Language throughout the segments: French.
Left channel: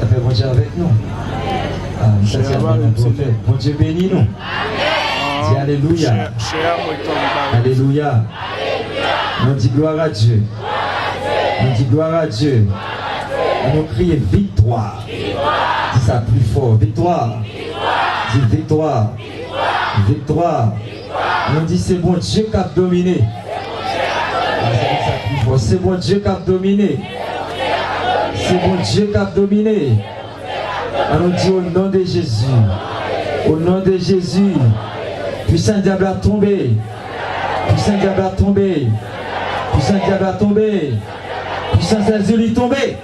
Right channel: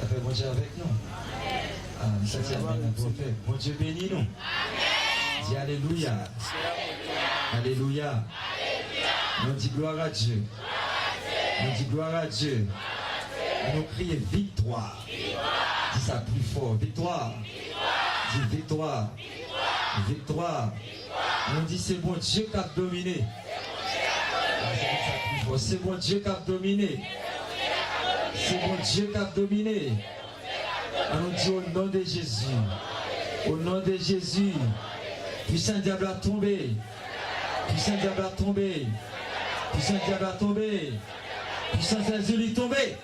Ça fait bon Dieu avec nous. Ça c'est un bon prophète. Bon Dieu bénis nous. Dis Alléluia. Alléluia. On dit gloire à Dieu. On dit gloire à Dieu. On crie victoire. Dis ça plus fort. Victoire. Dis victoire. Victoire. On dit c'est bon Dieu qui a dominé. C'est bon Dieu qui a dominé. C'est bon Dieu qui a dominé. On dit au nom de Jésus. Au nom de Jésus. Puissant diable a tombé. Puissant diable a tombé. Puissant diable a tombé. Puissance Jésus est tombé.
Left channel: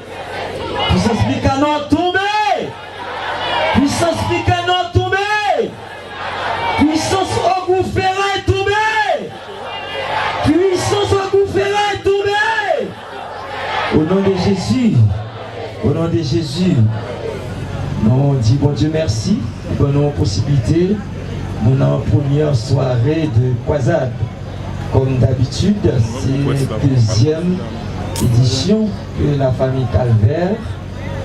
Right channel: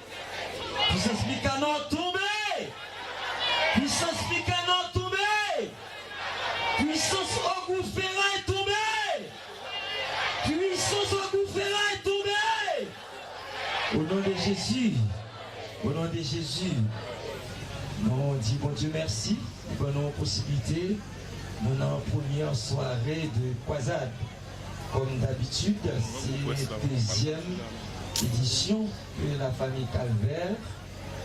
Puissance Mikano tombé. Puissance Mikano tombé. Puissance Ogouferra est tombée. Puissance Ogouferra est tombée. Au nom de Jésus. Au nom de Jésus. Nous dit bon Dieu merci pour nos possibilités. Nous avons première soirée de croisade. Comme d'habitude, c'est la deuxième édition que la famille Calvaire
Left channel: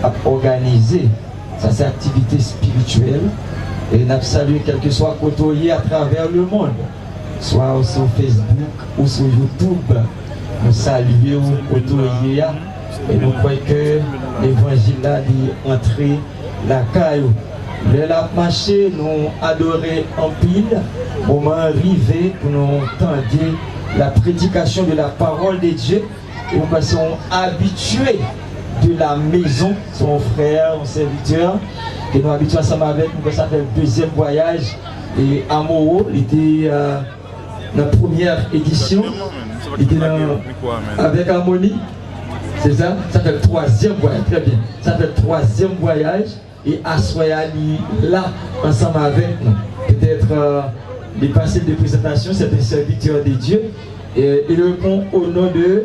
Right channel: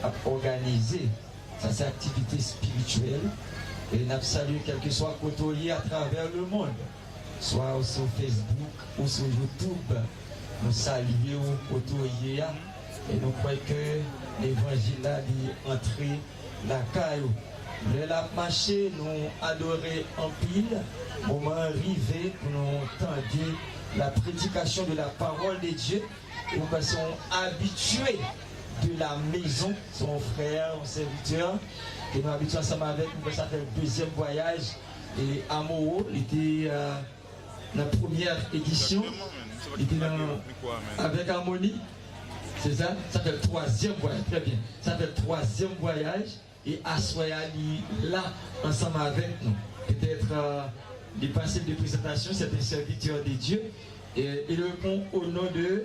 a organisée. Ça, c'est activité spirituelle. Et nous avons salué quel que soit côtoyé à travers le monde, soit sur Facebook ou sur YouTube. Nous saluons côtoyé et nous croyons que l'évangile est entré la caillou. Le la marché, nous adorer en pile, moment arrivé pour nous entendre la prédication de la parole de Dieu. Et nous sommes habitués de la maison, son frère, son serviteur, et nous habitués ensemble avec nous. Ça fait le deuxième voyage. Et Amoro, il était dans la première édition, il était avec Harmonie. C'est ça? Ça fait le troisième voyage, très bien. Ça fait le troisième voyage. Et Assoyali là, ensemble avec nous. Peut-être les passés de présentation, c'est un serviteur de Dieu. Et il répond au nom de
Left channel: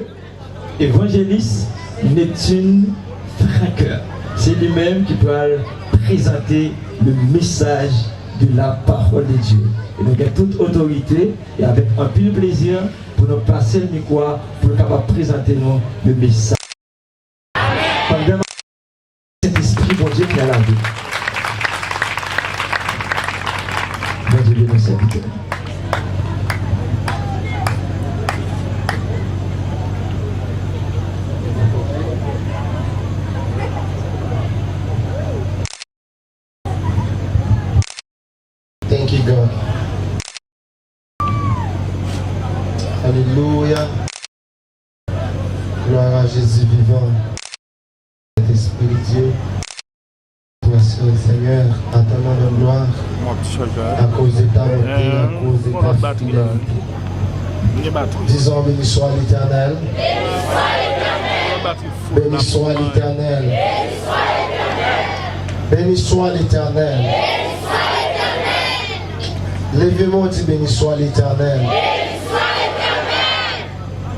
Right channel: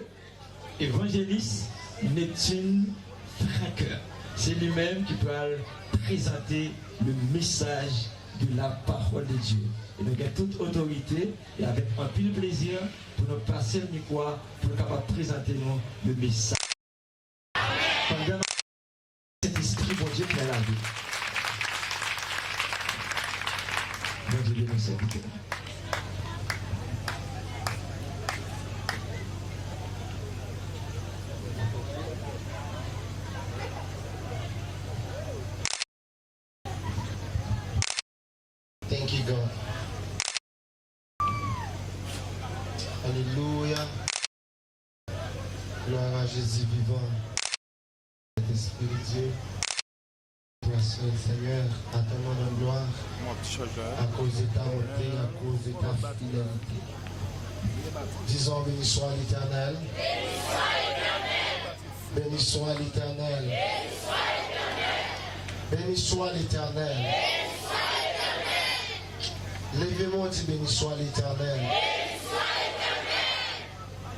évangéliste Neptune Franqueur. C'est lui-même qui peut présenter le message de la parole de Dieu. Et nous avons toute autorité et avec un peu de plaisir pour nous passer le micro pour capable présenter nous le message. Pendant cet esprit, bon Dieu, qui a la vie. Bon Dieu, bénis nos serviteurs. Thank you, God. Alléluia. Gloire à Jésus vivant. Esprit Dieu, merci au Seigneur, à ton nom de gloire, à cause de ta bonté, à cause de ta fidélité. Disons, béni soit l'Éternel. Béni soit l'Éternel. Béni soit l'Éternel. Levez-moi, dit béni soit l'Éternel.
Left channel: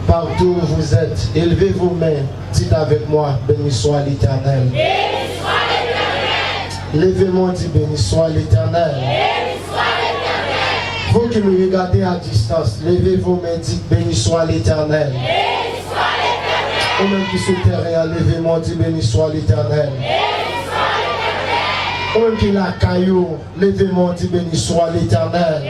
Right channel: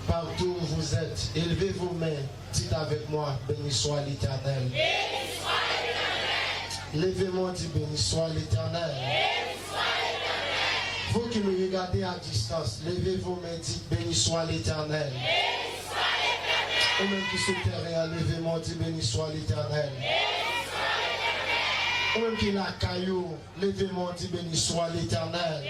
Partout où vous êtes, élevez vos mains, dites avec moi, béni soit l'Éternel. Levez-moi, dites béni soit l'Éternel. Vous qui me regardez à distance, levez vos mains, dites béni soit l'Éternel. Vous-même qui sont terrain, levez-moi, dites béni soit l'Éternel. Vous-même qui la caillou, levez-moi, dites béni soit l'Éternel.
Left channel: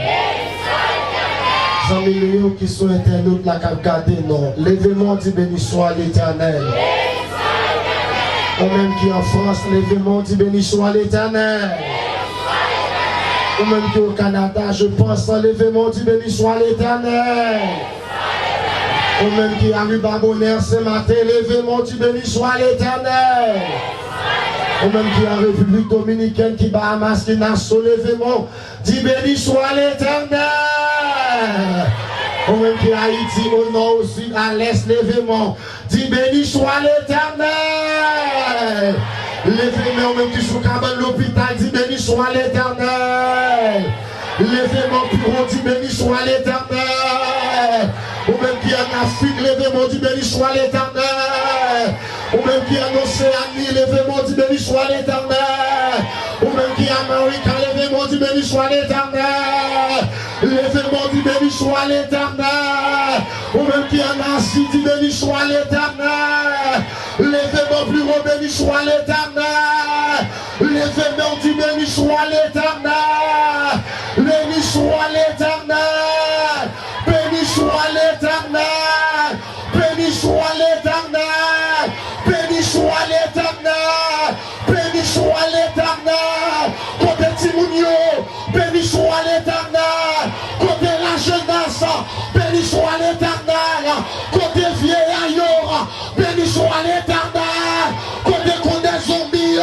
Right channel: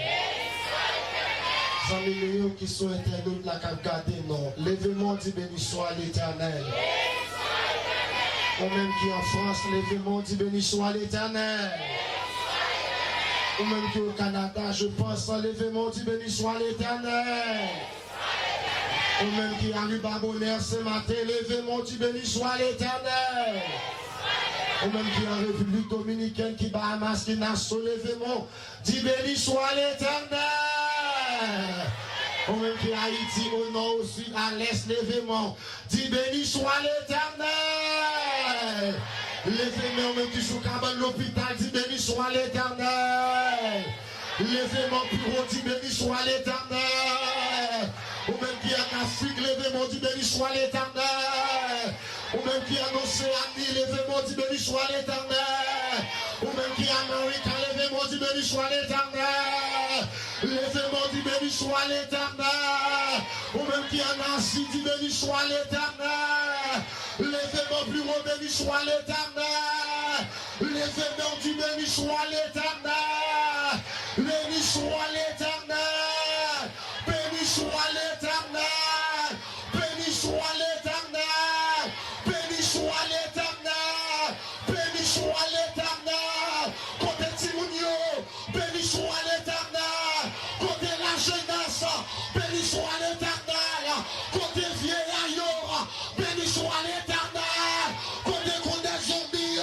Amis qui sont internautes, la cap gardé, non. Levez-moi, dit béni soit l'Éternel. Ou même qui en France, levez-moi, dit béni soit l'Éternel. Ou même qui au Canada, je pense, levez-moi, dit béni soit l'Éternel. Ou même qui arrive à Bonheur ce matin, levez-moi, dit béni soit l'Éternel. Ou même qui en République Dominicaine, qui Bahamas, qui Nassau, levez-moi, dit béni soit l'Éternel. Ou même qui Haïti, au nord, au sud, à l'est, levez-moi, dit béni soit l'Éternel. Levez-moi, ou même qui sous cabane l'hôpital, dit béni soit l'Éternel. Levez-moi, bureau, dit béni soit l'Éternel. Ou même qui en Afrique, levez-moi, dit béni soit l'Éternel. Ou même qui en Océanie, levez-moi, dit béni soit l'Éternel. Ou même qui en Amérique, levez-moi, dit béni soit l'Éternel. Levez-moi, dit béni soit l'Éternel. Ou même qui en Asie, dit béni soit l'Éternel. Levez-moi, Oh, béni soit l'Éternel. L'événement du béni soit l'Éternel. Béni soit l'Éternel. Béni soit l'Éternel. Béni soit l'Éternel. Béni soit l'Éternel. Béni soit l'Éternel. Côté Timounio, béni soit l'Éternel. Côté la jeunesse, béni soit l'Éternel. Côté vieillard, béni soit l'Éternel. Côté condé zombie,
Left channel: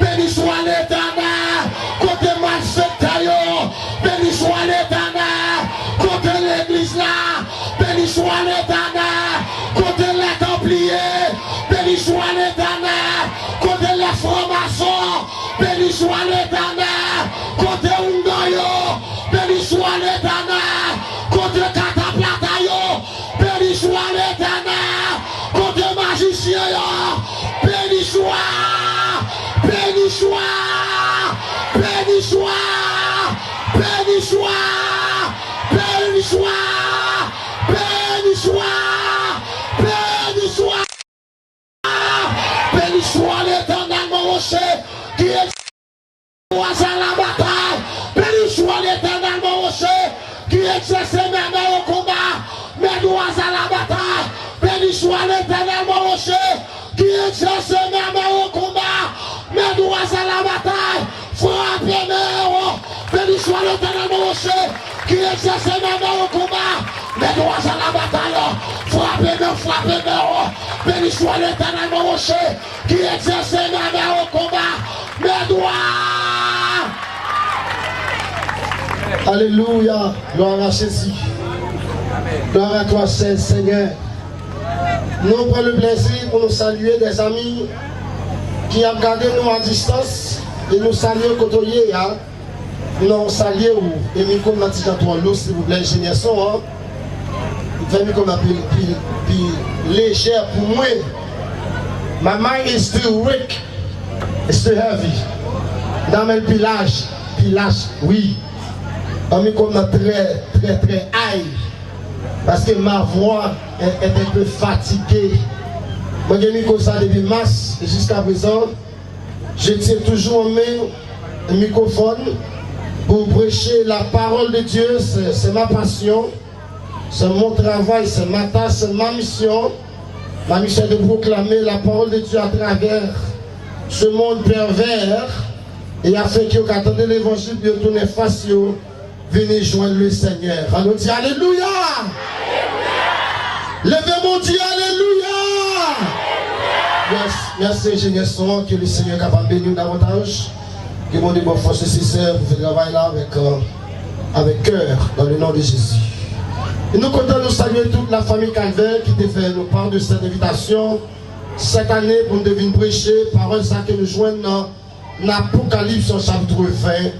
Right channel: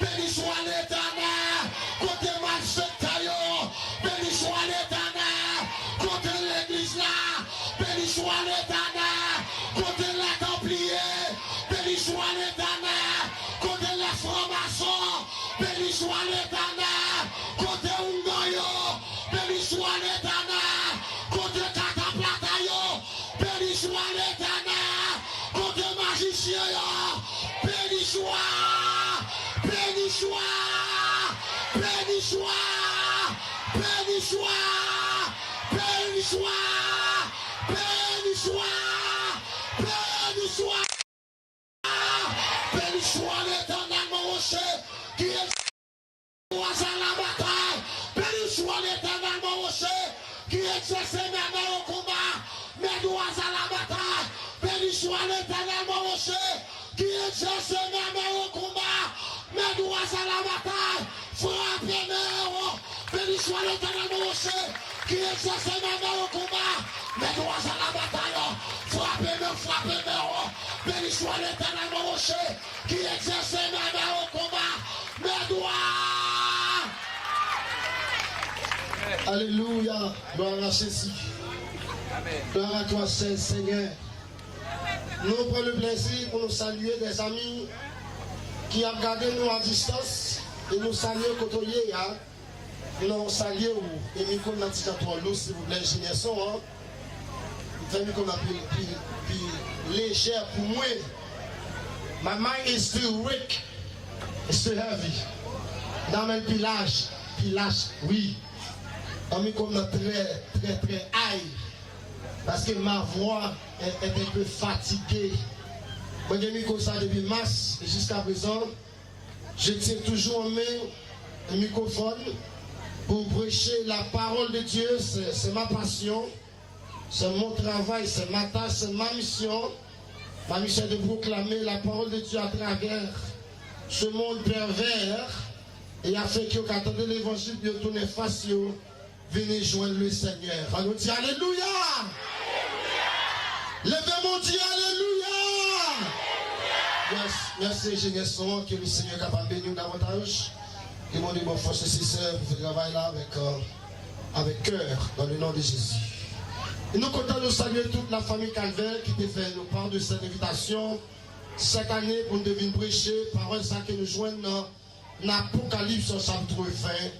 béni soit l'Éternel. Côté malfectayo, béni soit l'Éternel. Côté l'église là, béni soit l'Éternel. Côté les templiers, béni soit l'Éternel. Côté les francs-maçons, béni soit l'Éternel. Côté Ungayo, béni soit l'Éternel. Côté Cataplatayo, béni soit l'Éternel. Côté magicien, béni soit, béni soit, béni soit, béni soit, béni soit, béni soit, béni soit, béni soit l'Éternel, mon rocher, qui est à la bataille. Béni soit l'Éternel, mon rocher, qui exerce mes mains au combat, mes doigts à la bataille. Béni soit l'Éternel, mon rocher, qui exerce mes mains au combat, mes doigts à la bataille. Frappez-moi. Béni soit l'Éternel, mon rocher, qui exerce mes mains au combat, mes doigts à la bataille. Frappez-moi, frappez-moi. Béni soit l'Éternel, mon rocher, qui exerce mes mains au combat, mes doigts. Alléluia, gloire à Jésus. Gloire à toi, Seigneur. Nous prenons le plaisir pour nous saluer des amis qui ont gardé nous à distance et nous saluer côtoyer. Nous saluer et nous comme notre l'eau, s'il vous plaît, ingénieur son. Nous comme plus légère pour moi. My mind is still weak, it's still heavy. Dans le pilage, oui. On comme très high. Parce que ma voix est un peu fatiguée. Moi, j'ai mis comme ça depuis mars et jusqu'à présent, je tiens toujours en main le microphone pour prêcher la parole de Dieu. C'est ma passion, c'est mon travail, c'est ma tâche, c'est ma mission. Ma mission est de proclamer la parole de Dieu à travers ce monde pervers et afin que vous attendez l'évangile de tourner face. Venez joindre le Seigneur. Allons dire Alléluia. Levez mon Dieu, Alléluia. Yes. Merci, ingénieur son, que le Seigneur est capable de bénir davantage. Que mon Dieu, bonne force nécessaire pour faire le travail là avec cœur, dans le nom de Jésus. Et nous comptons nous saluer toute la famille Calvaire qui te fait nous part de cette invitation cette année pour nous devenir prêcher. Parole ça que nous joignons dans l'Apocalypse chapitre 20.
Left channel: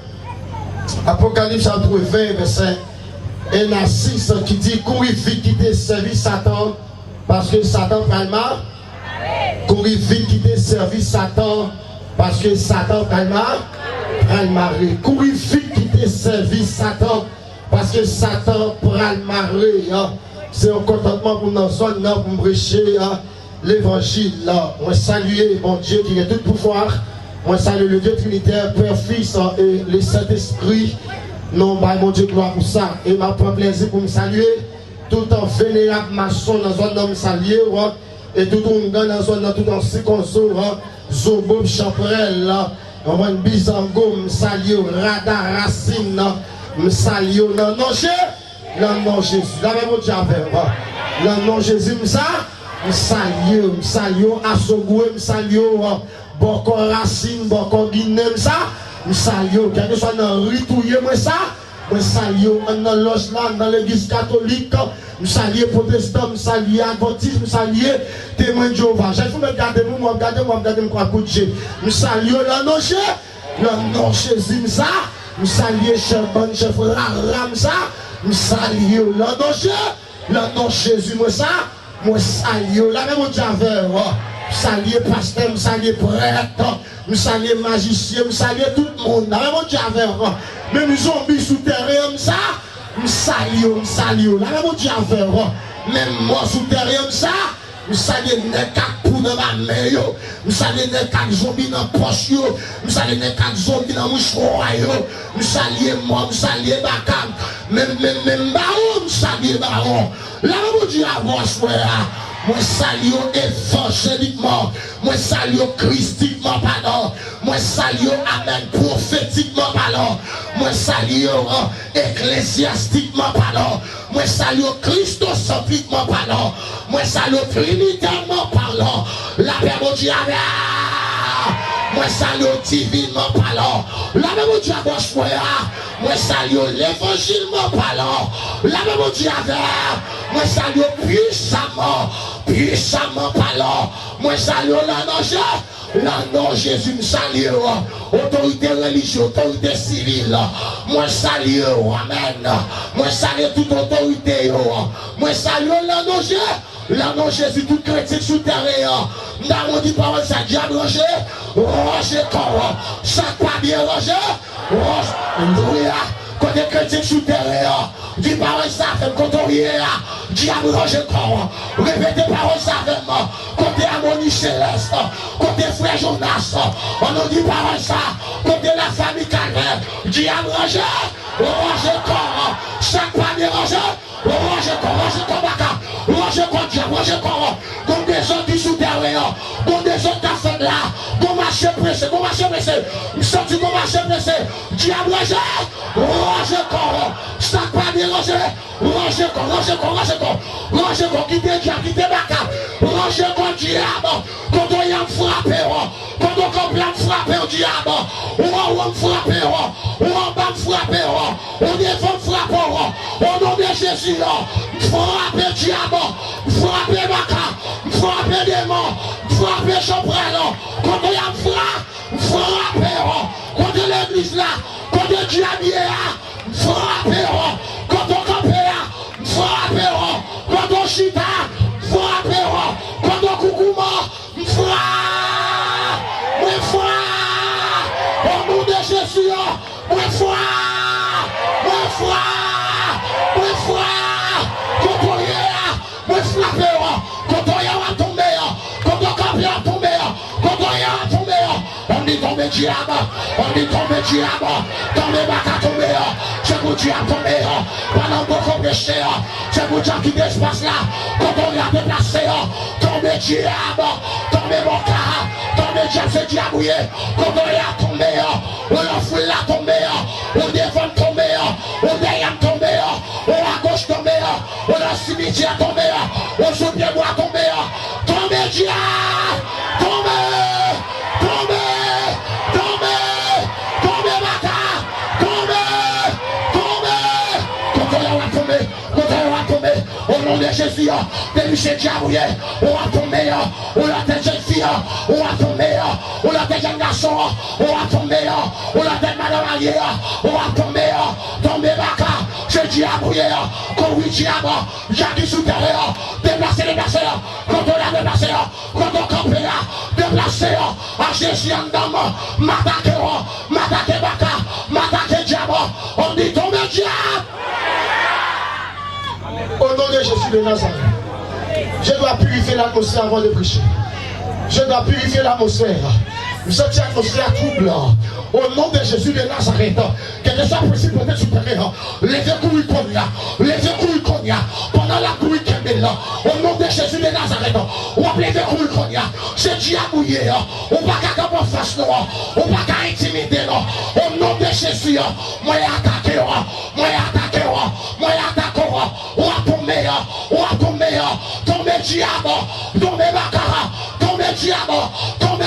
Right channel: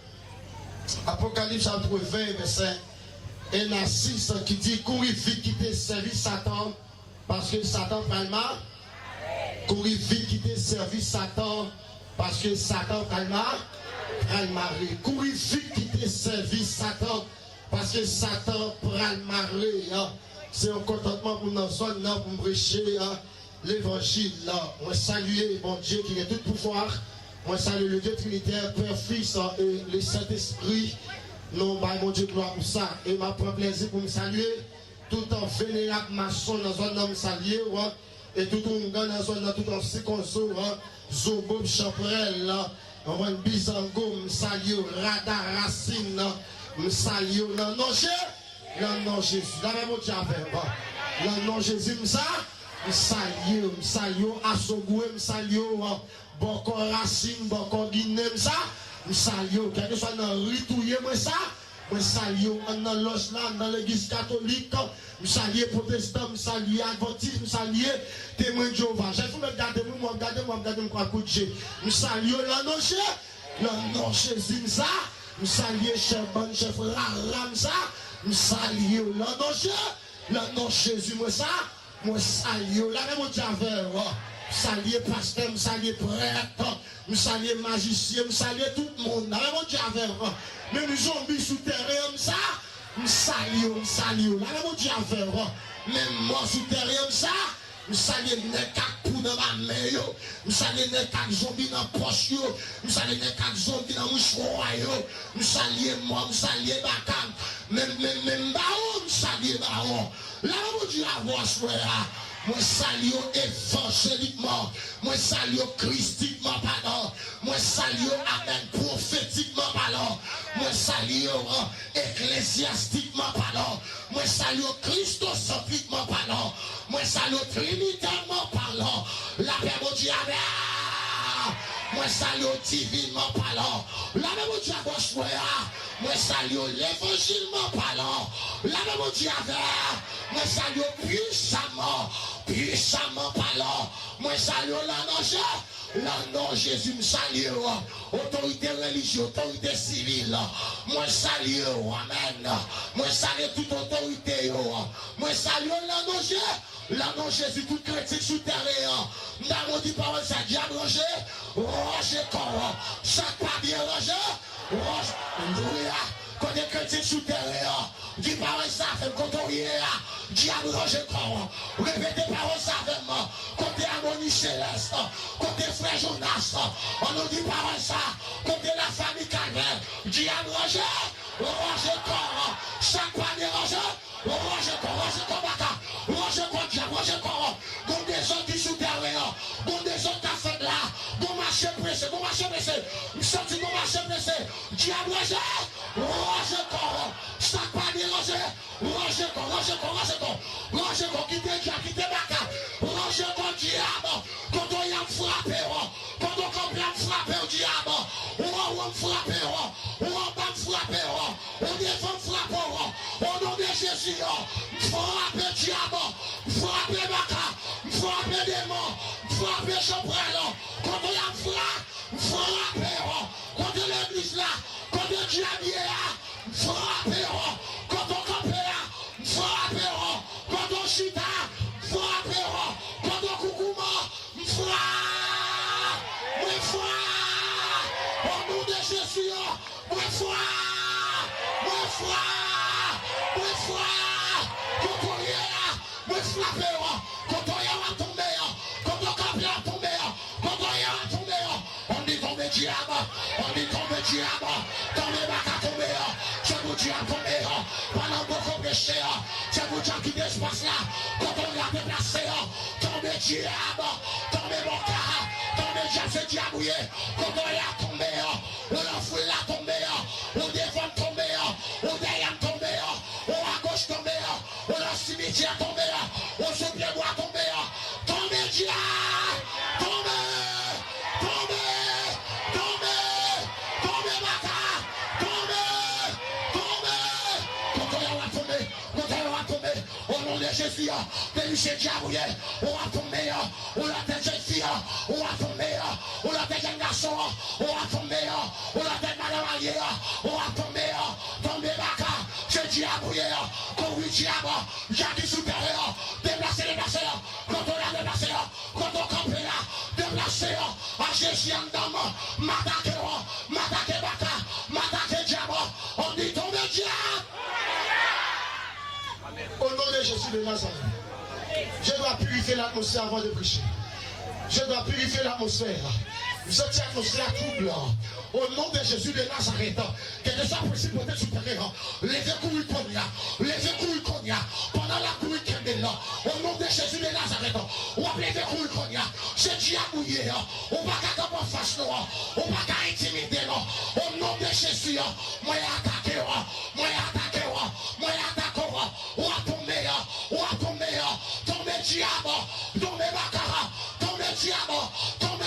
Apocalypse chapitre 20, verset 1 à 6 qui dit courir vite quitter service Satan parce que Satan prend le mal. Courir vite quitter service Satan parce que Satan prend le mal. Courir vite quitter service Satan parce que Satan prend le mal. C'est un contentement pour nous pour prêcher l'évangile. On salue mon Dieu qui est tout pouvoir. Moi, salue le Dieu Trinitaire, Père, Fils et le Saint-Esprit. Non, bah, mon Dieu, gloire pour ça. Et m'a pris plaisir pour me saluer. Tout en vénérable maçon dans un homme salué. Et tout en gagne dans un tout en circonso. Zobob Chaprel. On va une bisango, me salue. Rada Racine. Me salue. Non, non, Jésus. Là, mon Dieu, non, non, Jésus, me salue. Assogoué, me salue. Boko Racine, Boko Guinée, ça, je salue, quel que soit dans le ritouillé, moi ça, je salue, dans l'os là, dans l'église catholique, je salue protestant, je salue adventiste, je salue témoin de Jéhovah. J'ai fait me garder, moi, regarder, quoi coucher. Je salue le nom Jésus, ça, je salue chef bon, chef Ram, ça, je salue le nom Jésus, moi ça, moi salue, là, même au Javel, saluer pasteur, saluer prêtre, saluer magicien, saluer tout le monde. Même zombies souterrains, ça, saluer. Même moi souterrain, ça, Je salue les quatre coups dans ma main. Je salue les quatre zombies dans la poche. Je salue les quatre zombies dans le mouchoir. Je salue moi, je salue Bakam. Même Baron, je salue Baron. Là, je dis à vous, moi salue évangéliquement, moi salue christiquement pardon, moi salue amen prophétiquement pardon, moi salue ecclésiastiquement pardon, moi salue christocentriquement pardon, moi salue trinitairement pardon, la paix mon Dieu moi salue divinement parlant, la même Dieu avec moi salue l'évangile parlant, la même Dieu avec moi salue puissamment parlant, moi salue l'ange Jésus me salue, autorité religieuse, autorité civile, moi salue, amen, moi salue toute autorité, moi salue l'ange Jésus, tout chrétien sous terre, dans mon dit parole, ça diable Roger, Roger corps, chaque pas bien Roger, Roger, quand les chrétiens sous terre, dit parole ça fait quand on y est, diable Roger corps, répétez parole ça fait moi, quand t'es harmonie céleste, quand t'es frère Jonas, on nous dit parole ça, quand t'es la famille Calvaire, diable Roger, Roger corps, chaque pas bien Roger, Roger corps, baka, Roger corps, diable Roger corps, donc des gens qui sous terre, donc des gens qui fait là, bon marché pressé, je sens bon marché pressé, diable Roger corps, chaque pas bien Roger corps, qui te baka, Roger corps, diable, quand on y a frappé, quand on comprend frapper au diable, on frappe, on défend frapper, au nom de Jésus, frapper diable, frapper baka, frapper démon, frapper chambrel, quand on y a frapper, contre l'église là, contre diable, frapper, quand on campe là, frapper, quand on chita, frapper, quand on coucouma, frapper. Au nom de Jésus, moi foi, quand on y est, moi frappé, quand on y a tombé, quand on campe à tomber, quand on y a tombé, on dit tomber diable, tomber baka tomber, c'est pour diable tomber, pendant beaucoup péché, c'est pour diable qui l'espace là, quand on y a déplacé, tomber diable, tomber mon cas, tomber diable, c'est diabouillé, quand on y a tombé, on a foule là tomber, on devant tomber, on derrière tomber, on à gauche tomber, on a cimetière tomber, on sous pied bois tomber, tomber diable, tomber baka, tomber, au nom de Jésus, depuis ce diable, on va tomber, on a des jeunes filles, on va tomber, on a des jeunes garçons, on va tomber, on a des madame alliées, on va tomber baka, ce diable, quand oui diable, j'ai dit sous terre, déplacer, quand on a déplacé, quand on campe déplacé, à Jésus en dame, m'attaquer baka, m'attaquer diable, on dit tomber diable. Au nom de Jésus de Nazareth, je dois purifier l'atmosphère avant de prêcher. Je dois purifier l'atmosphère. Cette atmosphère troublant. Au nom de Jésus de Nazareth, quel que soit possible peut-être supérieur, levez courir comme là, pendant la couille qui est là. Au nom de Jésus de Nazareth, on va lever courir comme là. C'est diabouillé, on va pas qu'à face noire, on va qu'à intimider. Au nom de Jésus, moi attaquer, on va tomber diable, tomber baccara, tomber diable, tomber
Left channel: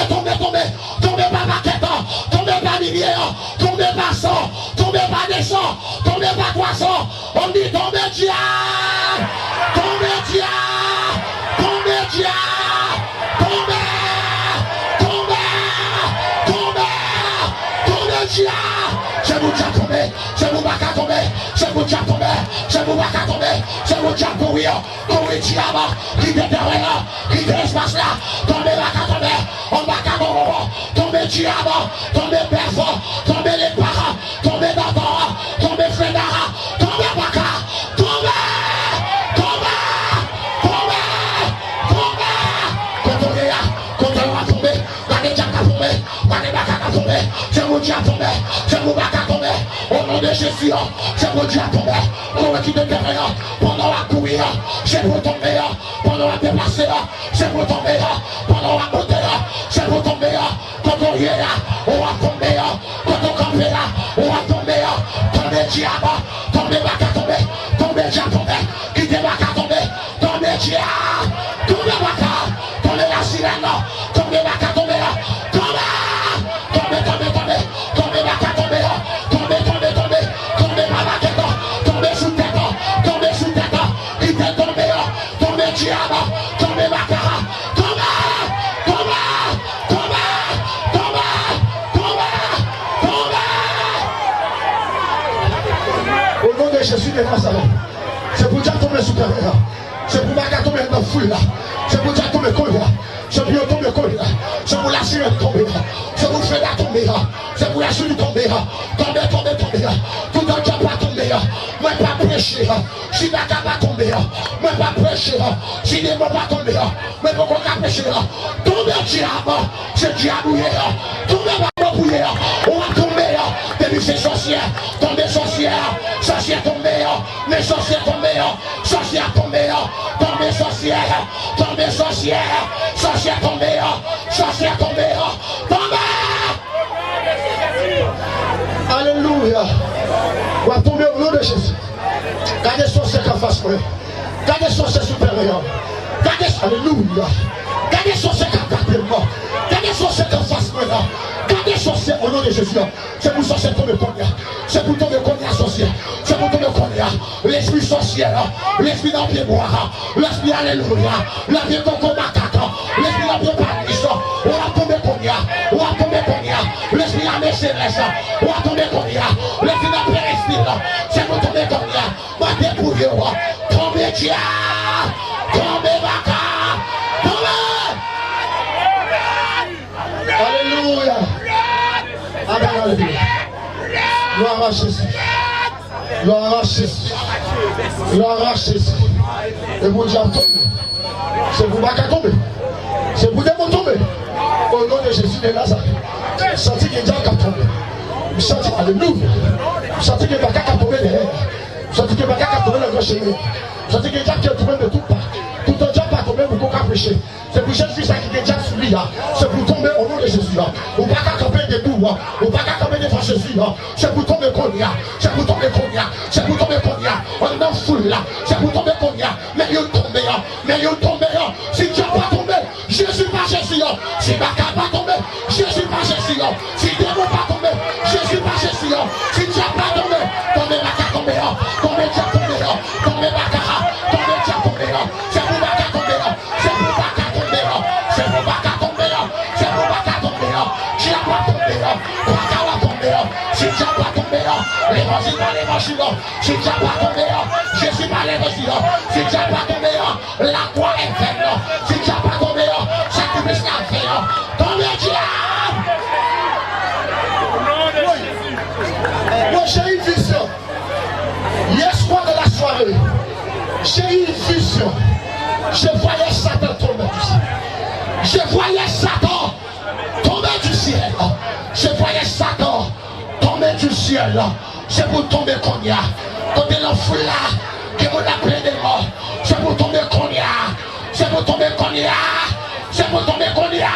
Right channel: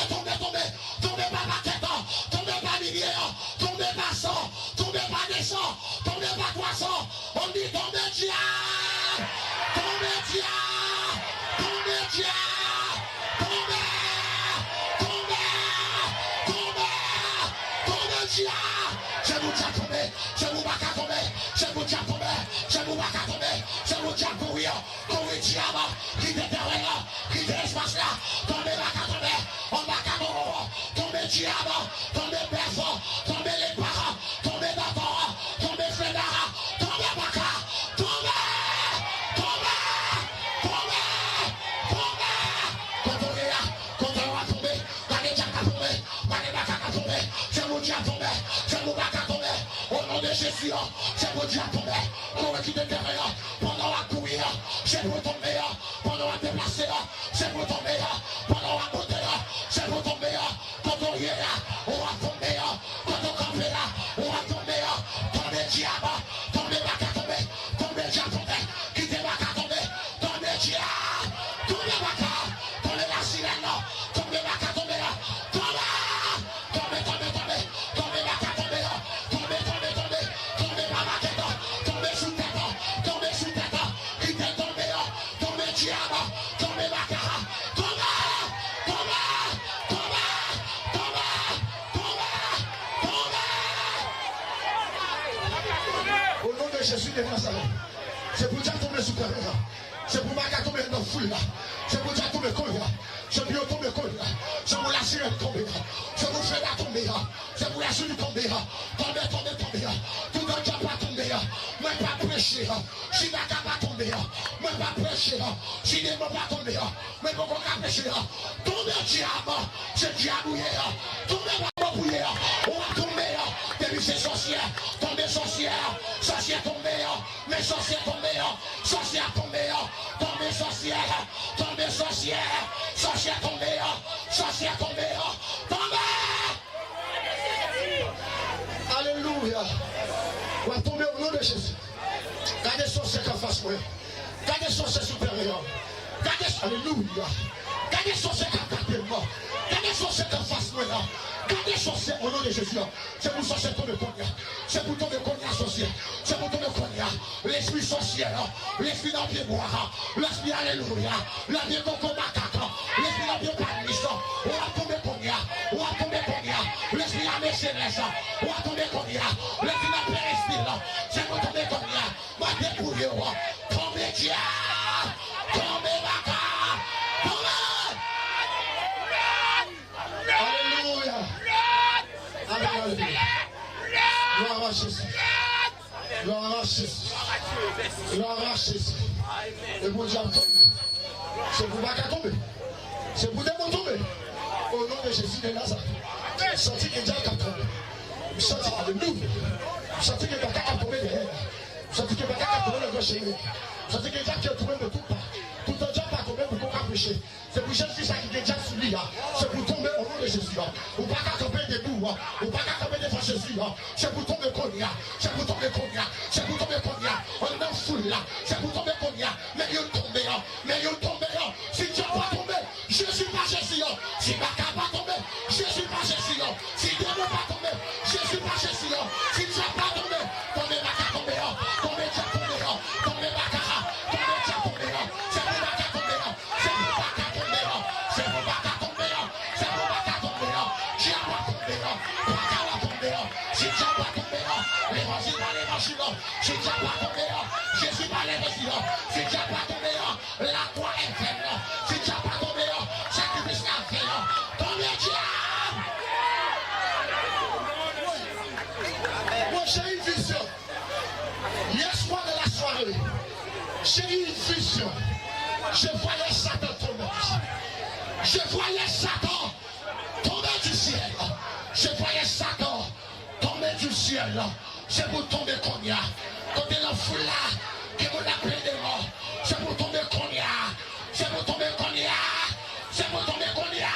pas maquette, tomber pas millier, tomber pas sang, tomber pas des sangs, tomber pas poisson, on dit tomber diable, tomber diable, c'est vous qui tomber, c'est vous pas tomber, c'est vous qui tomber, c'est vous pas tomber, c'est vous qui courir diable, qui derrière, qui l'espace là, tomber pas tomber, on va tomber diable, tomber père, tomber les parents, tomber d'abord, tomber frère, tomber baka, tomber, Dieu à tomber. C'est pour pas qu'à tomber. Au nom de Jésus, c'est pour Dieu à tomber. Pour qui te terrain, pendant la courir, c'est pour tomber. Pendant la déplacer, c'est pour tomber. Pendant la monter, c'est pour tomber. Quand on y est, on va tomber. Quand on campe là, on va tomber. Tomber diable, tomber pas qu'à tomber. Tomber diable, tomber. Quitter pas qu'à tomber. Tomber diable, tomber pas qu'à tomber la sirène. Tomber pas qu'à tomber. Jésus de Nazareth. C'est pour dire tomber sous terre. C'est pour pas tomber dans la foule là. C'est pour dire tomber colère. C'est pour tomber colère. C'est pour la sirène tomber. C'est pour faire tomber. C'est pour la souris tomber. Tomber. Tout le temps pas tomber. Moi pas prêcher. Si la pas tomber. Moi pas prêcher. Si les mots pas tomber. Moi pas prêcher. Tomber diable. C'est diable. Tomber pas bouiller. On va tomber. Depuis ces sorcières. Tomber sorcière. Sorcière tombée, mes sorcières tombées, sorcière tombée, tombée sorcière, tombée sorcière, sorcière tombée, sorcière tombée, tombée. Alléluia. On va tomber au nom de Jésus. Gardez sorcière en face moi. Gardez sorcière supérieure. Gardez, alléluia. Gardez sorcière en face moi. Gardez sorcière en face moi. Gardez sorcière au nom de Jésus. C'est pour sorcière tomber combien. C'est pour tomber combien sorcière. C'est pour tomber combien. L'esprit sorcière. L'esprit dans pied boire. L'esprit alléluia. L'esprit coco macaque. L'esprit dans pied paniste. On va tomber combien. On va tomber combien. L'esprit à mes célestes. On va tomber combien. L'esprit dans pied respire. C'est pour tomber combien. Ma dépouille. Tomber Dieu. Tomber macaque. Alléluia. Amen. Gloire à Jésus. Gloire à Jésus. Gloire à Jésus. Et vous dites tomber. C'est pour pas tomber. C'est pour démon tomber. Au nom de Jésus de Nazareth. Sentez que Dieu a tombé. Sentez, alléluia. Sentez que Dieu a tombé derrière. Sentez que Dieu a tombé le grand chemin. Sentez que Dieu a tombé de tout part. Tout le temps pas tomber pour qu'on puisse prêcher. C'est pour Jésus qui est déjà soumis. C'est pour tomber au nom de Jésus. Ou pas qu'à camper des bouts. Ou pas qu'à camper devant Jésus. C'est pour tomber combien. C'est pour tomber combien. C'est pour tomber combien. On est dans la foule là. C'est pour tomber combien. Mais il tombe. Mais il tombe. Si tu n'as pas tombé, je suis pas Jésus. Si Baka pas tombé, je suis pas Jésus. Si Démon pas tombé, je suis pas Jésus. Si tu n'as pas tombé, tombé Baka tombé. Tombé Dia tombé. Tombé Baka. Tombé Dia tombé. C'est pour Baka tombé. C'est pour Baka tombé. C'est pour Baka tombé. C'est pour Baka tombé. Dia pas tombé. Baka va tomber. Si Dia pas tombé, l'évangile pas l'évangile. Si Dia pas tombé, je suis pas l'évangile. Si Dia pas tombé, la croix est faite. Si Dia pas tombé, sacrifice la fait. Tombé diable. Moi j'ai une vision. Hier soir de la soirée, j'ai eu une vision. Je voyais Satan tomber du ciel. Je voyais Satan tomber du ciel. Je voyais Satan tomber du ciel. C'est pour tomber qu'on y a. Tomber la foule là, que vous l'appelez des morts. C'est pour tomber qu'on y a. C'est pour tomber qu'on y a. C'est pour tomber qu'on y a.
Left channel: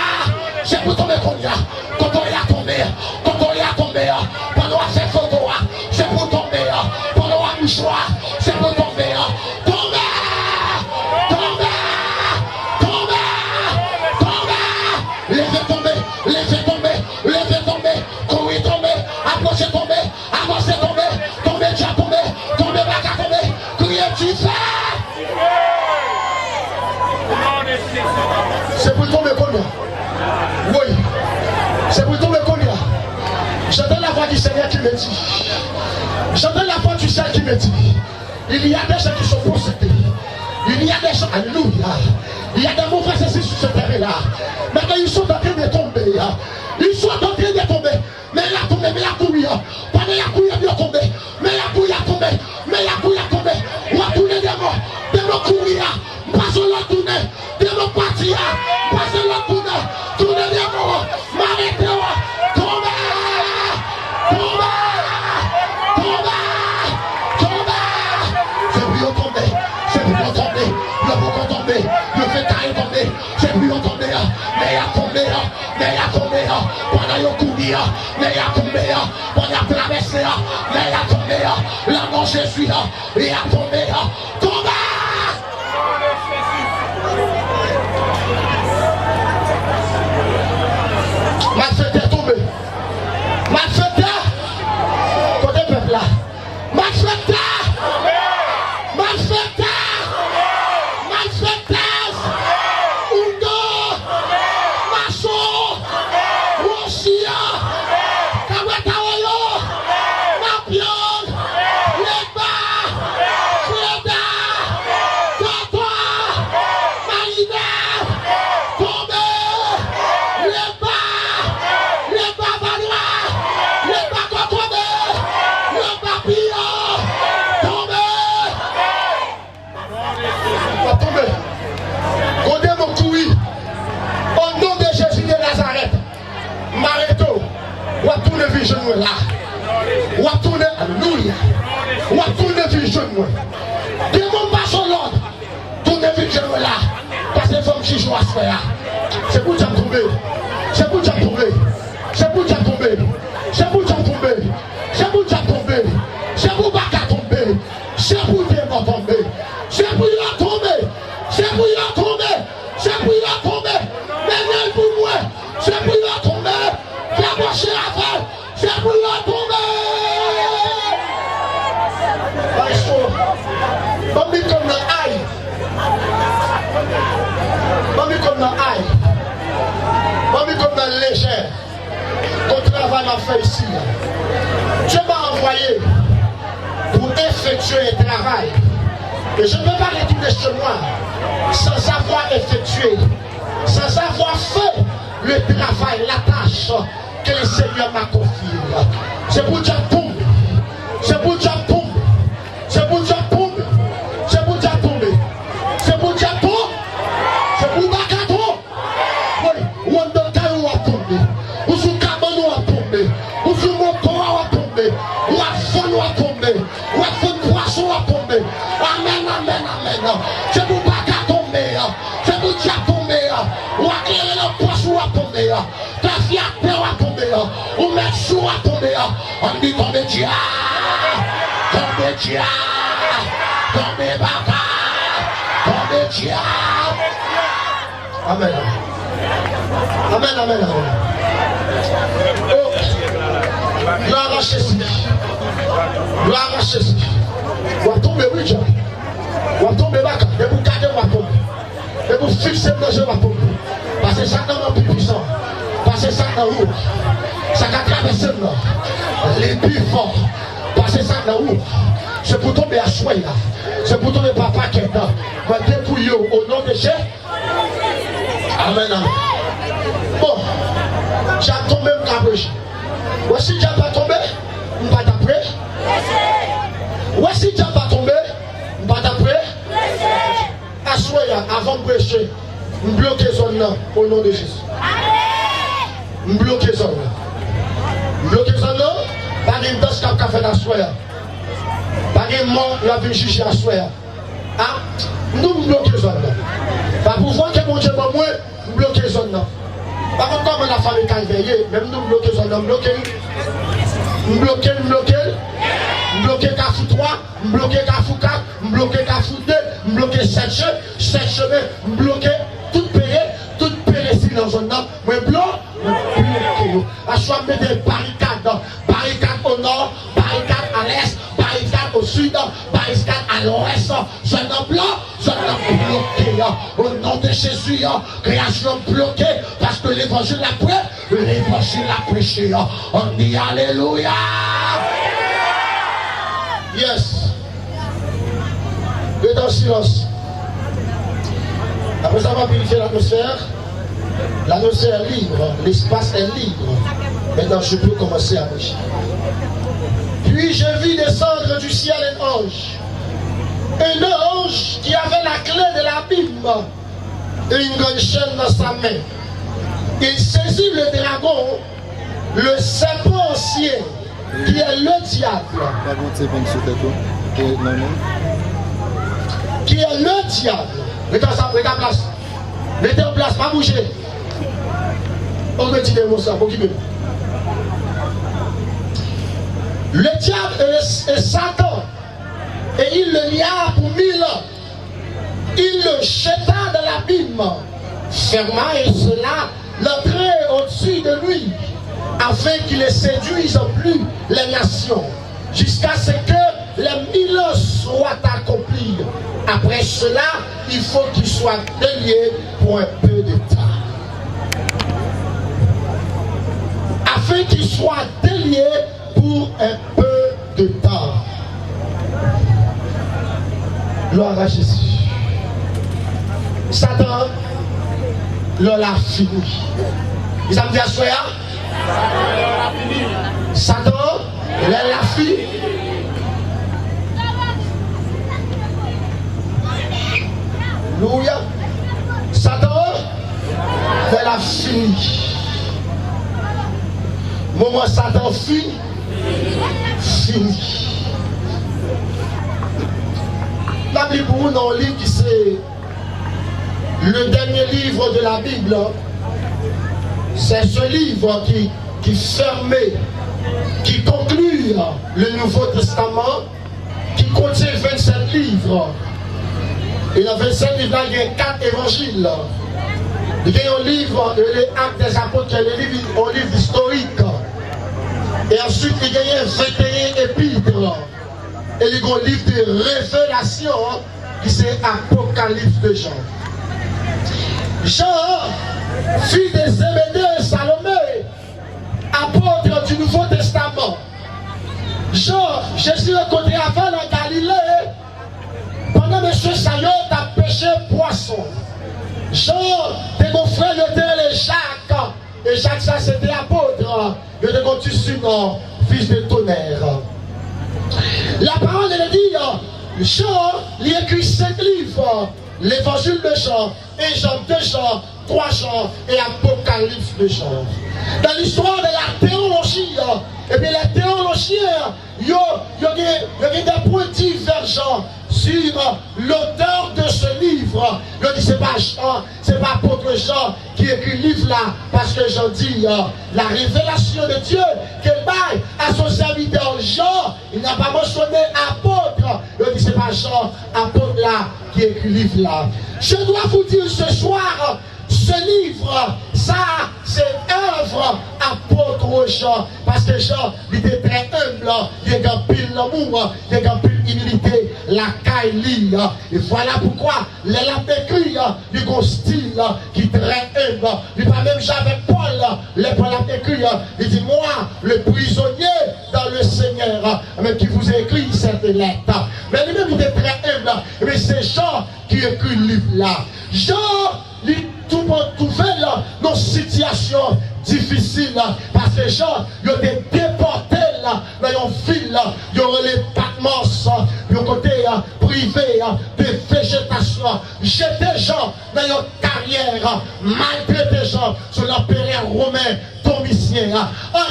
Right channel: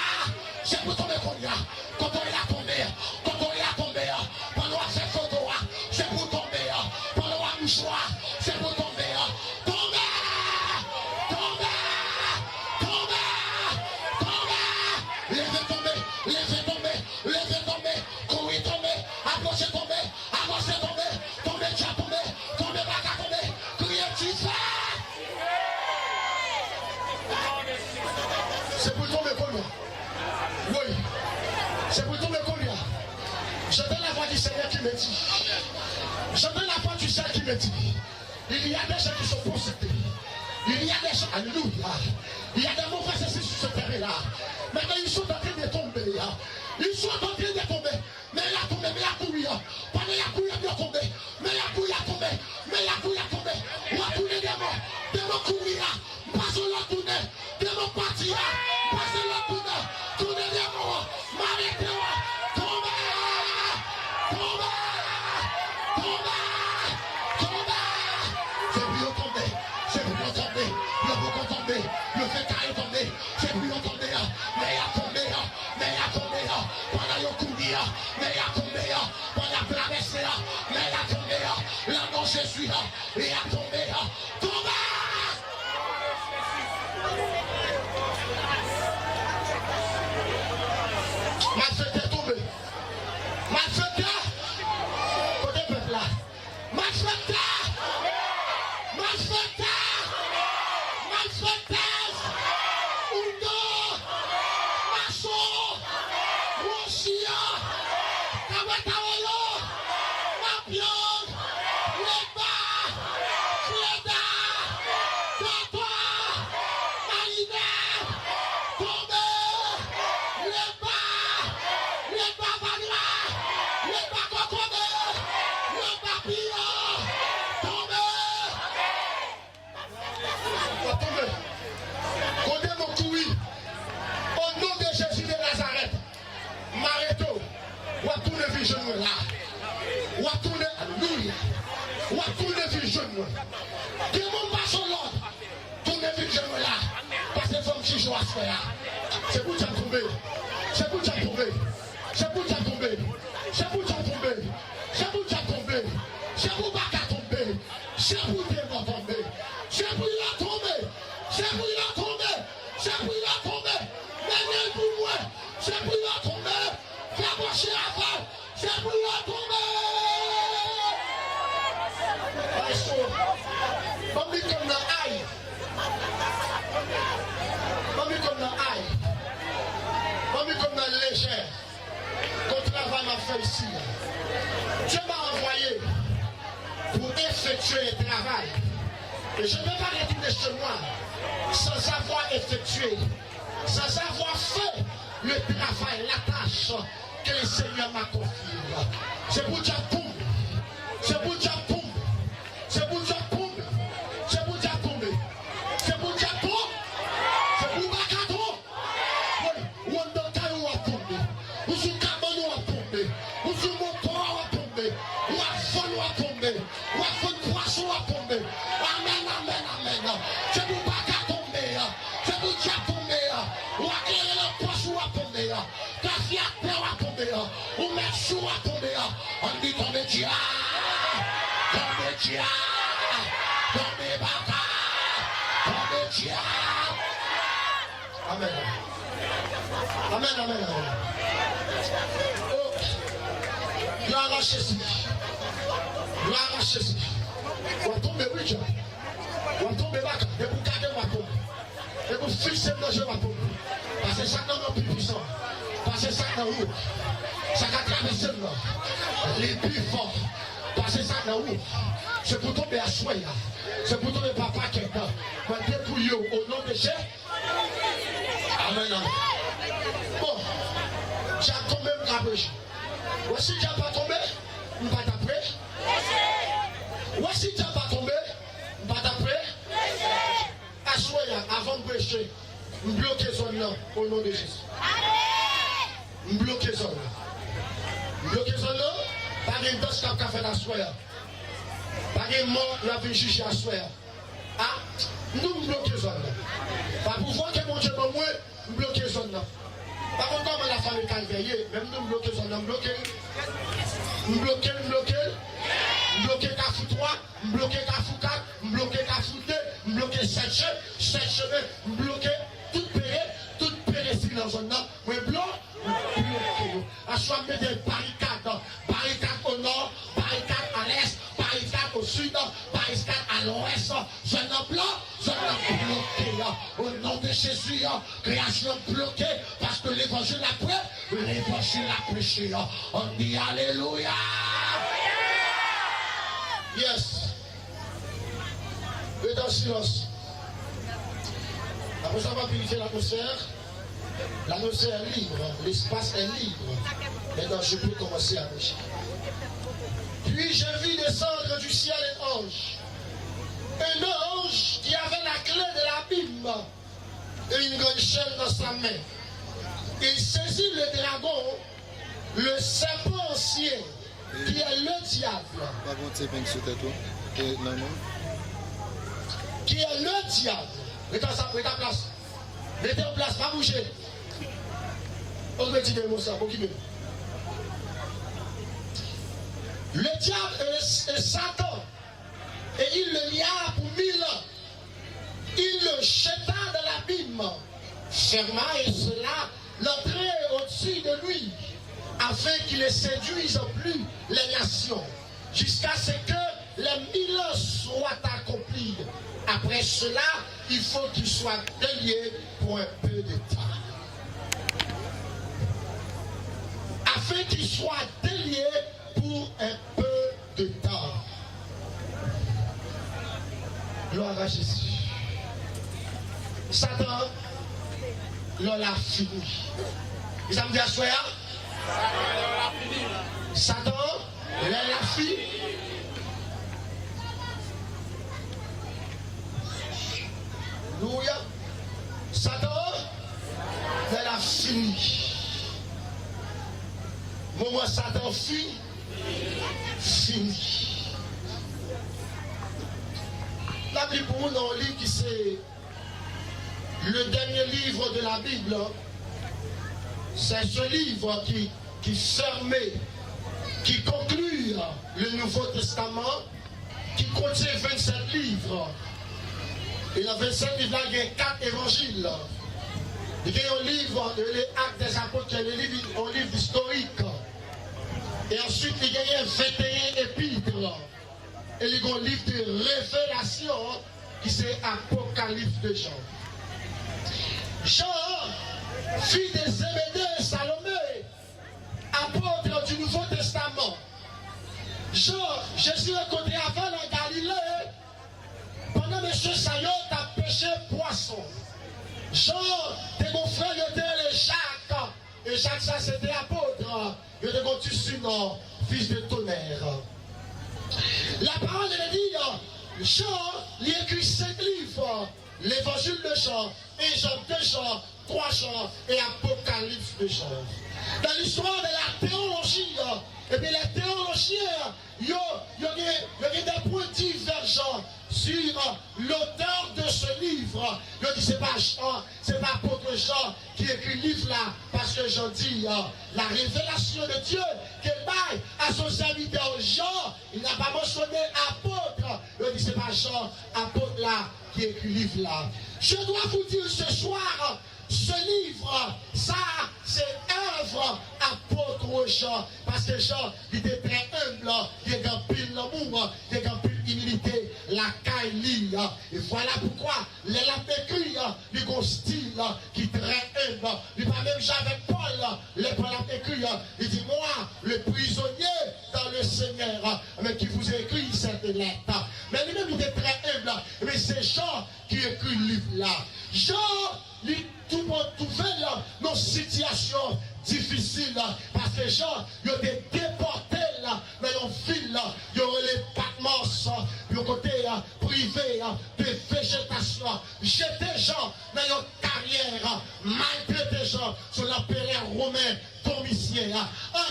C'est pour tomber qu'on y a. Quand on y a tombé, quand on y a tombé, pendant ces photos, c'est pour tomber. Pendant un mouchoir, c'est pour tomber. C'est pour tomber combien? Oui. C'est pour tomber combien? J'entends la voix du Seigneur qui me dit. J'entends la voix du Seigneur qui me dit. Il y a des gens qui sont possédés. Il y a des gens, alléluia. Il y a des mauvais esprits sur ce terrain-là. Maintenant, ils sont en train de tomber. Ils sont en train de tomber. Mais il a tombé, mais il a couru. Pendant il a couru, il a tombé. Mais il a couru, il a tombé. Mais il a couru, il a tombé. On a tourné des morts. Des morts courir. Pas sur la tournée. Des morts partir. Pas sur la tournée. Tourner des morts. M'arrêter. Tomber. Jésus, il a tombé, tombé. Ma fête est tombée. Ma fête est côté peuple là. Ma fête est. Ma fête est. Ma fête est. Undo. Maso. Rosia. Kawetaolo. Mapion. Legba. Freda. Dotoa. Marina. Tombe. Legba. Au nom de Jésus de Nazareth, Mareto, ou à tourner vision là, ou à tourner, alléluia, ou à tourner vision là. Démon pas son l'ordre, tourner vision là, parce que femme qui joue à ce faire, c'est pour t'en tomber, c'est pour t'en tomber, c'est pour t'en tomber, c'est pour t'en tomber, c'est pour t'en tomber, c'est pour pas qu'à tomber, c'est pour t'en tomber, c'est pour y tomber, c'est pour y tomber, c'est pour y tomber. Mais pour moi, c'est pour y tomber. Fais marcher la femme, c'est pour y tomber. Mami comme dans aïe. Mami comme dans aïe. Mami comme dans légère. Ton travail m'a fait ici. Dieu m'a envoyé pour effectuer un travail. Et je ne peux pas retourner chez moi sans avoir effectué, sans avoir fait le travail, la tâche que le Seigneur m'a confiée. C'est pour Dieu tomber. C'est pour Dieu tomber. C'est pour Dieu tomber. C'est pour Dieu tomber. C'est pour Dieu tomber. C'est pour Bakato. Oui, ou on donne caillou à tomber. Ou sous cabane à tomber. Ou sous moto à tomber. Ou à fond à tomber. Ou à fond de poisson à tomber. Amen, amen, amen. C'est pour Bakato tomber. C'est pour Dieu tomber. Ou à éclairer le poisson à tomber. Ta fille à terre à tomber. Ou mettre chou à tomber. On dit tomber Dieu. Tomber Dieu. Tomber Baka. Tomber Dieu. Amen. Amen, amen, amen. Oh, gloire à Jésus. Gloire à Jésus. On va tomber, oui, Dieu. On va tomber, Baka. Et vous gardez, on va tomber. Et vous fixez le jeu, on va tomber. Parce que ça n'est plus puissant. Parce que ça n'est où. Ça va traverser les plus forts. Parce que ça n'est où. C'est pour tomber à soi, là. C'est pour tomber papa qui est là. On va dépouiller au nom de Jésus. Amen, amen. Bon, j'ai tombé, je vais prêcher. Voici, j'ai pas tombé, je vais t'apprêter. Voici, j'ai pas tombé, je vais t'apprêter. Assoyez, avant de prêcher, je bloque les zones là, au nom de Jésus. Je bloque les zones là. Je bloque les zones là, par une danse qui a fait assoyez. Par une mort, il a vu juger assoyez. Ah, nous bloquons les zones là. Par pouvoir que mon Dieu m'a moi, nous bloquons les zones là. Par contre, comme la famille qui a veillé, même nous bloquons les zones là, nous bloquons, nous bloquons Cafou 3, nous bloquons Cafou 4, nous bloquons Cafou 2, nous bloquons 7 chemins, nous bloquons toute péré ici dans la zone là. Moi, bloquons. À choix de mettre des barricades, barricades au nord, barricades à l'est, barricades au sud, barricades à l'ouest. Zone blanc, zone bloquée. Au nom de Jésus, création bloquée, parce que l'évangile l'a prêché, l'évangile l'a prêché. On dit Alléluia. Yes. Restez en silence. Après ça, on va purifier l'atmosphère. L'atmosphère est libre, l'espace est libre. Maintenant, je peux commencer à prêcher. Puis je vis descendre du ciel un ange. Un ange qui avait la clé de l'abîme et une grande chaîne dans sa main. Il saisit le dragon, le serpent ancien, qui est le diable. Qui est le diable. Mettez en place. Mettez en place, pas bouger. On me dit des mots ça, pour qui me. Le diable et Satan liard pour 1000 ans. Il le jeta dans l'abîme, ferma et cela l'entrait au-dessus de lui, afin qu'il ne séduise plus les nations, jusqu'à ce que les 1000 ans soient accomplis. Après cela, il faut qu'il soit délié pour un peu de temps. Afin qu'il soit délié pour un peu de temps. Gloire à Jésus. Satan, l'on l'a fini. Ils ont dit à Soya, Satan, l'on l'a fini. Alléluia. Satan, l'on l'a fini. Moment Satan fini. La Bible pour nous dans le livre qui c'est le dernier livre de la Bible. C'est ce livre qui fermait, qui conclut le Nouveau Testament, qui contient 27 livres. Et dans 27 livres, il y a 4 évangiles. Il y a un livre, les Actes des Apôtres, un livre historique. Et ensuite, il y a 21 épîtres. Et il y a un livre de révélation qui c'est Apocalypse de Jean. Jean, fils de Zébédée et Salomé, apôtre du Nouveau Testament. Jean, Jésus est côté avant la Galilée, pendant que M. Sayon a pêché poisson. Jean, tes mon frère, il était Jacques, et Jacques, ça c'était apôtre. Il était connu sur fils de tonnerre. La parole elle dit, Jean, il écrit 5 livres, l'évangile de Jean, 1 Jean, 2 Jean, 3 Jean et Apocalypse de Jean. Dans l'histoire de la théologie, et bien les théologiens, il y a des points divergents sur l'auteur de ce livre. Il dit c'est pas Jean, c'est pas apôtre Jean qui écrit le livre là, parce que Jean dit la révélation de Dieu qu'elle baille à son serviteur Jean, il n'a pas mentionné apôtre. Il dit c'est pas Jean, apôtre là, qui écrit le livre là. Je dois vous dire ce soir, ce livre, ça, c'est œuvre apôtre Jean. Parce que Jean, il était très humble, il a pile l'amour, il a pile humilité, la caille. Et voilà pourquoi les lampes écrits, il a un style qui est très humble. Il pas même j'avais Paul, les Paul écrit, il dit moi, le prisonnier dans le Seigneur, même qui vous a écrit cette lettre. Mais lui-même, il était très humble. Mais c'est Jean qui écrit le livre là. Jean, tout le monde trouvait dans une situation difficile parce que les gens ils ont été déportés dans une ville, ils ont les Patmos, ils ont côté privé de végétation, jeter les gens dans une carrière, maltraiter les gens sur l'empereur romain Domitien. En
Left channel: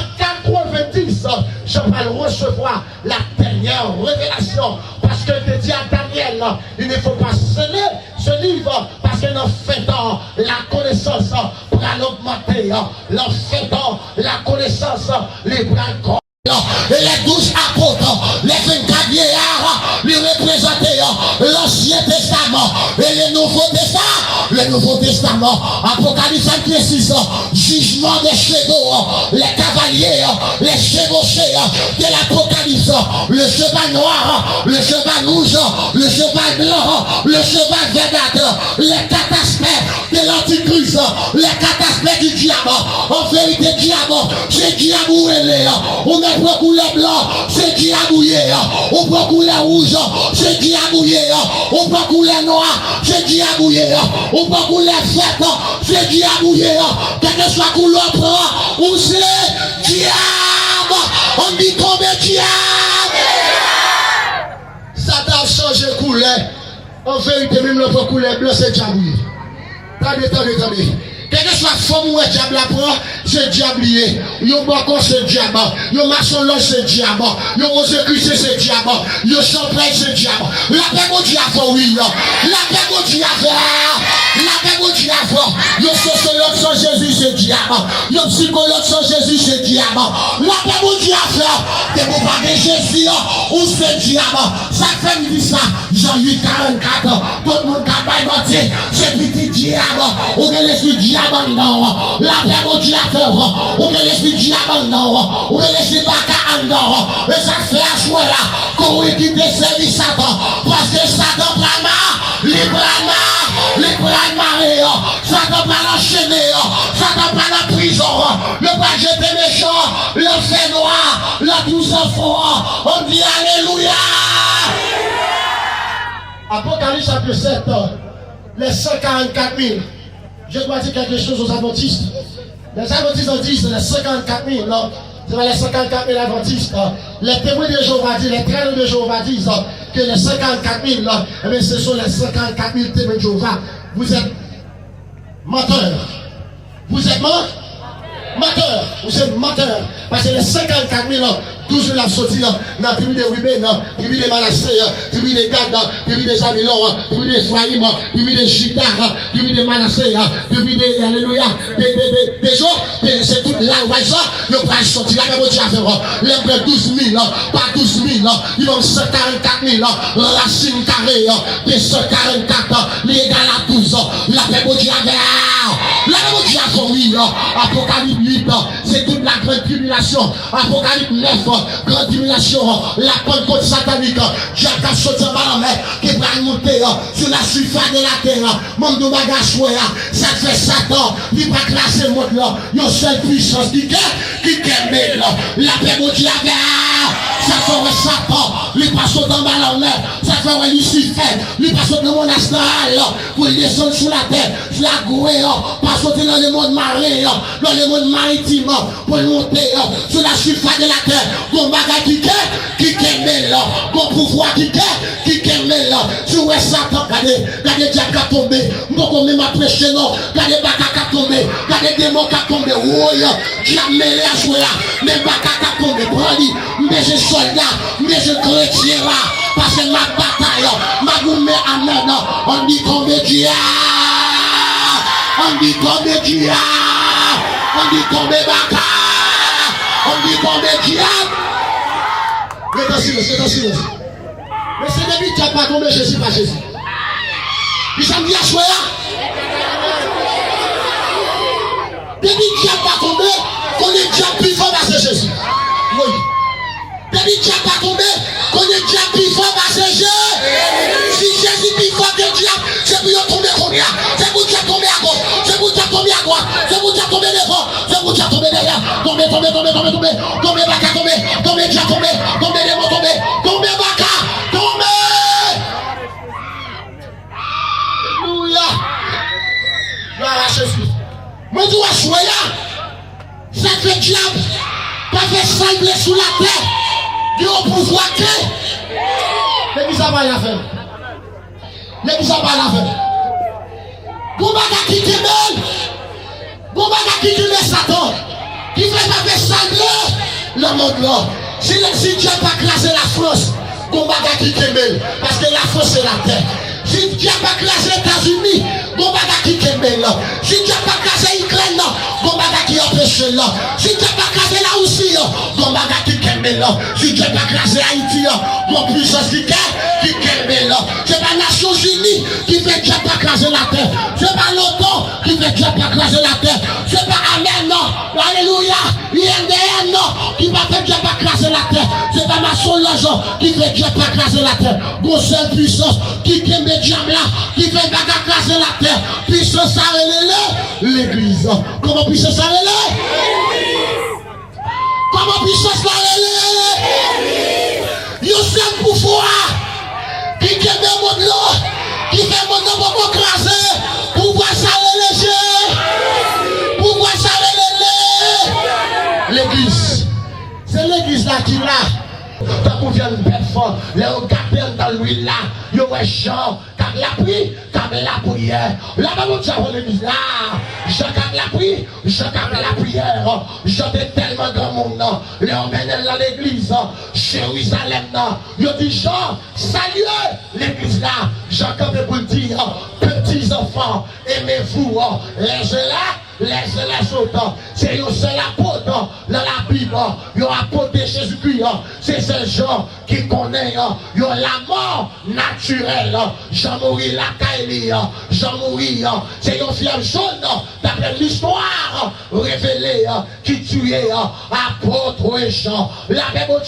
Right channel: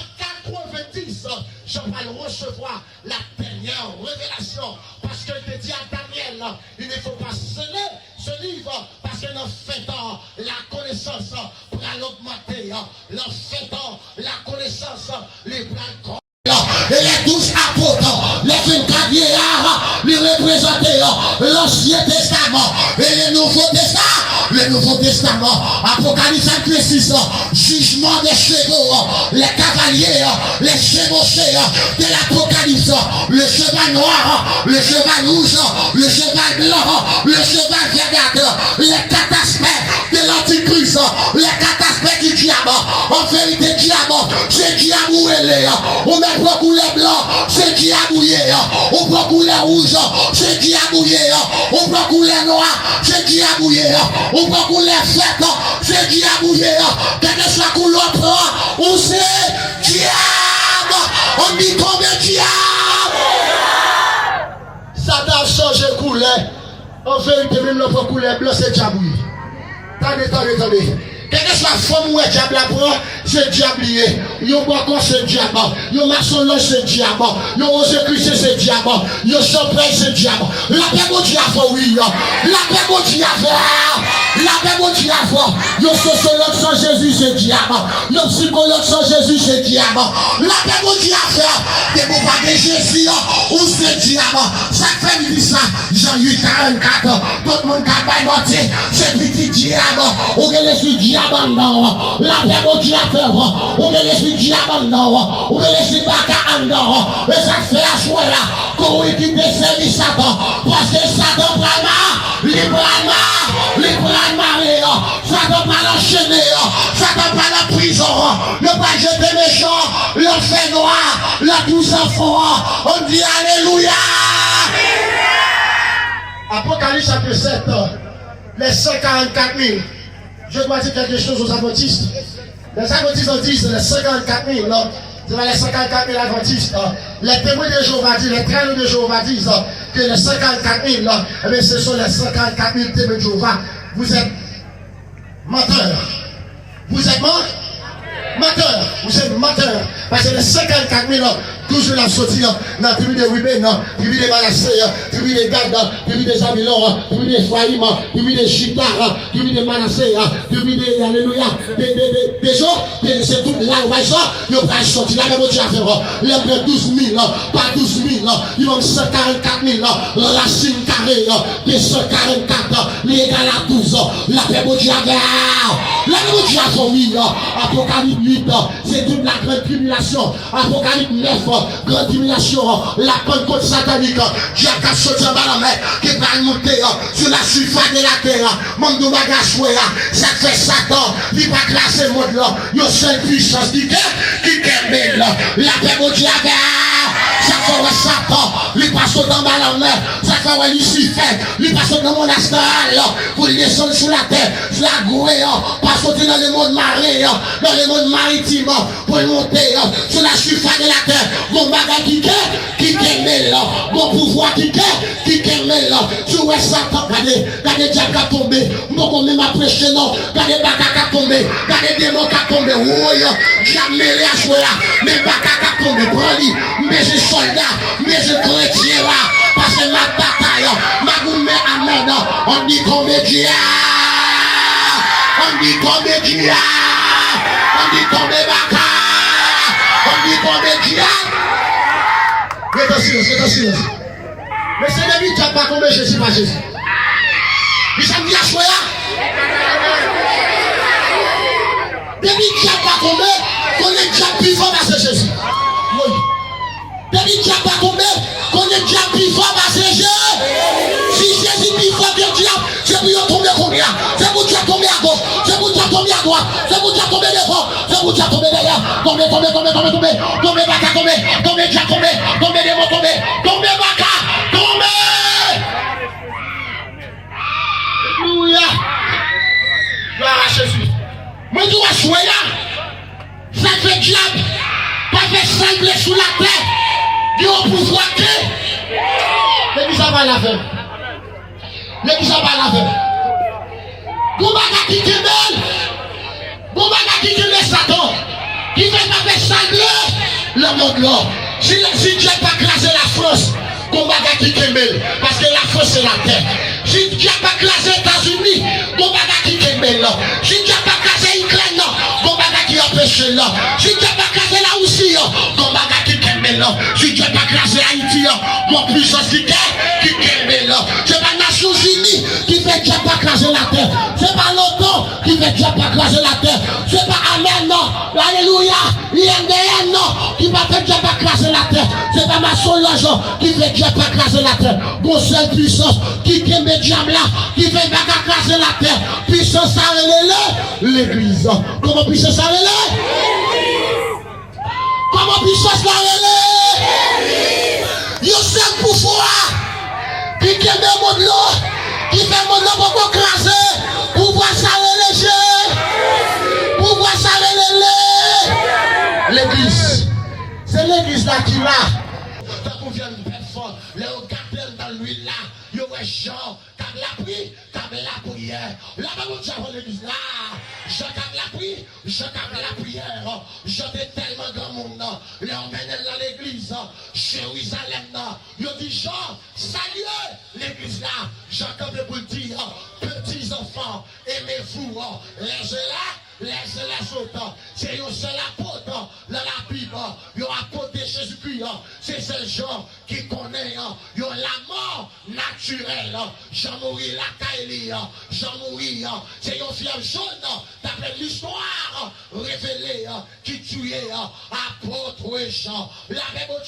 90, je vais recevoir la dernière révélation parce que je dis à Daniel, il ne faut pas sceller ce livre parce que dans fait ans, la connaissance va l'augmenter. Dans fait ans, la connaissance les bras. Et les 12 apôtres, les 24 vieillards, les représentaient l'Ancien Testament et le Nouveau Testament. Apocalypse précise, jugement des chevaux, les cavaliers, les chevauchés de l'Apocalypse, le cheval noir, le cheval rouge, le cheval blanc, le cheval verdâtre, les 4 aspects de l'Antichrist, les 4 aspects du diable. En vérité, diable, c'est diable où elle est. On met pas couleur blanc, c'est diabouillé. On prend couleur rouge, c'est diabouillé. On prend couleur noire, c'est diabouillé. On prend couleur fête, c'est diabouillé. Quelle que soit couleur prend, on sait diable. On dit combien diable. Satan a changé de couleur. En vérité, même le couleur blanc, c'est diabouillé. Attendez. Quelle que soit la forme où le diable apprend, c'est diablier. Yon bakon c'est diable. Yon maçon c'est diable. Yon ose Christ c'est diable. Yon champagne c'est diable. La paix au diable, oui. La paix au diable. La paix mon diable. Le sociologue sans Jésus, c'est diable. Le psychologue sans Jésus, c'est diable. La paix mon diable. T'es pour pas de Jésus, ou c'est diable. Ça fait me dit ça. Jean 8, 44. Tout le monde qui a pas menti, c'est petit diable. Ou que l'esprit diable non. La paix mon diable. Ou que l'esprit diable non. Ou que l'esprit baka non. Et ça fait à choix là. Qu'on quitte service Satan. Parce que Satan prend les marées, Satan pas l'enchaîner, Satan pas la prison, le pas jeter méchant, l'enfer noir, la douce enfant, on dit Alléluia. Apocalypse chapitre 7, les 144 000. Je dois dire quelque chose aux adventistes. Les adventistes ont dit les 54 000. C'est les 54 000 adventistes. Les témoins de Jéhovah disent, les traîneurs de Jéhovah disent que les 54 000, eh ce sont les 54 000 témoins de Jéhovah. Vous êtes menteurs. Vous êtes menteurs. Vous êtes menteurs. Parce que les 54 000, toujours la sortie dans la tribu de Ruben, tribu de Manassé, tribu de Gad, tribu de Zabilon, tribu de Ephraïm, tribu de Juda, tribu de Manassé, tribu de Alléluia, des gens, c'est tout là, vous voyez ça, ils vont sortir, la même chose à faire, les 12 000, pas 12 000, ils vont 144 000, racine carrée, des 144, les égales à 12, la paix de Dieu à la même chose à son oui, Apocalypse 8, c'est toute la grande tribulation, Apocalypse 9, grande tribulation, la Pentecôte satanique, qui a sorti en bas la mer, qui va monter sur la surface de la terre, monde de bagage, ça fait Satan, il va classer le monde là, il y a une seule puissance qui est la paix de Dieu, ça fait Satan, il passe dans la mer, ça fait Lucifer, il passe dans mon astral, pour descendre sur la terre, sur la gouée, pas sauter dans le monde marin, dans le monde maritime, pour monter sur la surface de la terre. Mon bagage qui est là, mon pouvoir qui est là. Tu vois Satan, regardez diable qui tombé, mon même à prêcher non, regardez bagage qui tombé, regardez démon qui tombé, oui, diable mêlé à jouer là, même bagage qui tombé, prends-lui, mais je soldat, mais je chrétien là, parce que ma bataille, ma gourmet amen, on dit comédien, on dit comédien, on dit comédien, on dit comédien. Restez silence. Mais c'est depuis que tu n'as pas tombé Jésus par Jésus. Il s'en dit à choix. Depuis que tu n'as pas tombé, qu'on est déjà plus fort parce que Jésus. Oui. Depuis que tu n'as pas tombé, qu'on est déjà plus fort parce que Jésus. Si Jésus est plus fort que le diable, c'est pour y tomber combien? C'est pour tu tomber à gauche, c'est pour tu tomber à droite, c'est pour tu tomber devant, c'est pour tu tomber derrière. Tomber, baka, tomber, déjà tomber, tomber devant, tomber baka, tomber. Alléluia. Gloire à Jésus. Moi, je dois choisir. Ça fait diable, pas fait sangler sous la terre. Dieu au pouvoir que. L'église a pas la faire. L'église a pas la faire. Goubaga qui t'aime, Goubaga qui t'aime Satan, qui fait pas faire sangler le monde là. Si Dieu n'a pas classé la France, Goubaga qui t'aime, parce que la France c'est la terre. Si Dieu n'a pas classé les États-Unis, Goubaga qui t'aime là. Si Dieu n'a pas classé l'Ukraine, Goubaga qui empêche là. Si Dieu n'a pas classé la Russie, Goubaga qui t'aime là. Si Dieu n'a pas classé Haïti, mon puissance qui t'aime là. C'est pas les Nations Unies qui fait Dieu pas craser la terre. C'est pas l'OTAN qui fait Dieu pas craser la terre. C'est pas Amen, non. Alléluia. INDN, non. Qui va faire Dieu pas craser la terre. C'est pas ma Solange qui fait Dieu pas craser la terre. Mon seule puissance qui aime le diable là, qui fait pas craser la terre. Puissance à l'église. Comment puissance à l'église? Comment puissance à l'église? Il y a seul pouvoir qui aime le monde là. Qui fait mon nom pour craser, pour voir ça léger, pour voir ça l'église. C'est l'église là qui l'a. Tant qu'on vient de faire fort, les regardez dans l'huile là, il y a un champ, la prière, comme la prière. La Bible dit à l'église là, je comme la prière, je comme la prière. J'étais tellement grand monde, les emmène dans l'église, Jérusalem, ils dit Jean, salut l'église là, Jean comme pour le dire, petits enfants, aimez-vous, laissez-les autres, c'est un seul apôtre dans la Bible, il y a apôtre de Jésus-Christ, c'est ces gens qui connaissent, il y a la mort naturelle, Jean mourir la caille, Jean mourir, c'est un fier jaune, d'après l'histoire révélée, qui tuait apôtre et Jean, la paix au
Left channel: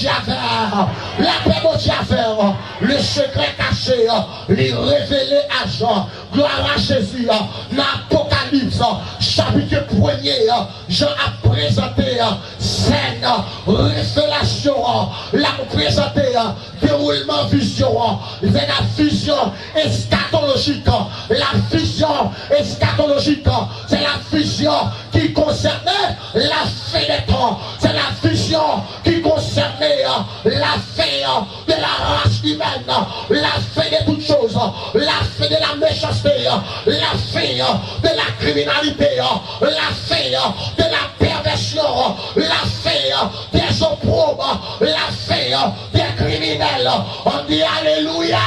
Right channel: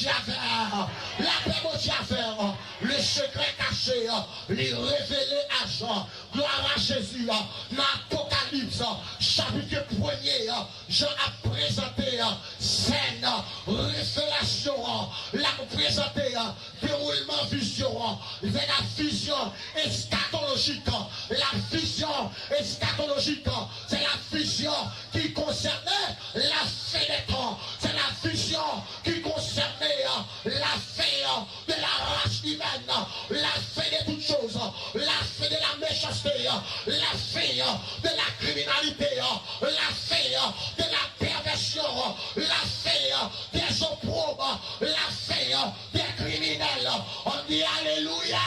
faire, le secret caché, les révélé à Jean, gloire à Jésus, dans l'Apocalypse, chapitre 1er, Jean a présenté scène, révélation, l'a présenté déroulement vision, la vision eschatologique, la vision eschatologique, c'est la vision qui concernait la fin des temps, c'est la vision qui concernait la fin de la race humaine, la fin de toutes choses, la fin de la méchanceté, la fin de la criminalité, la fin de la perversion, la fin des opprobes, la fin des criminels. On dit Alléluia.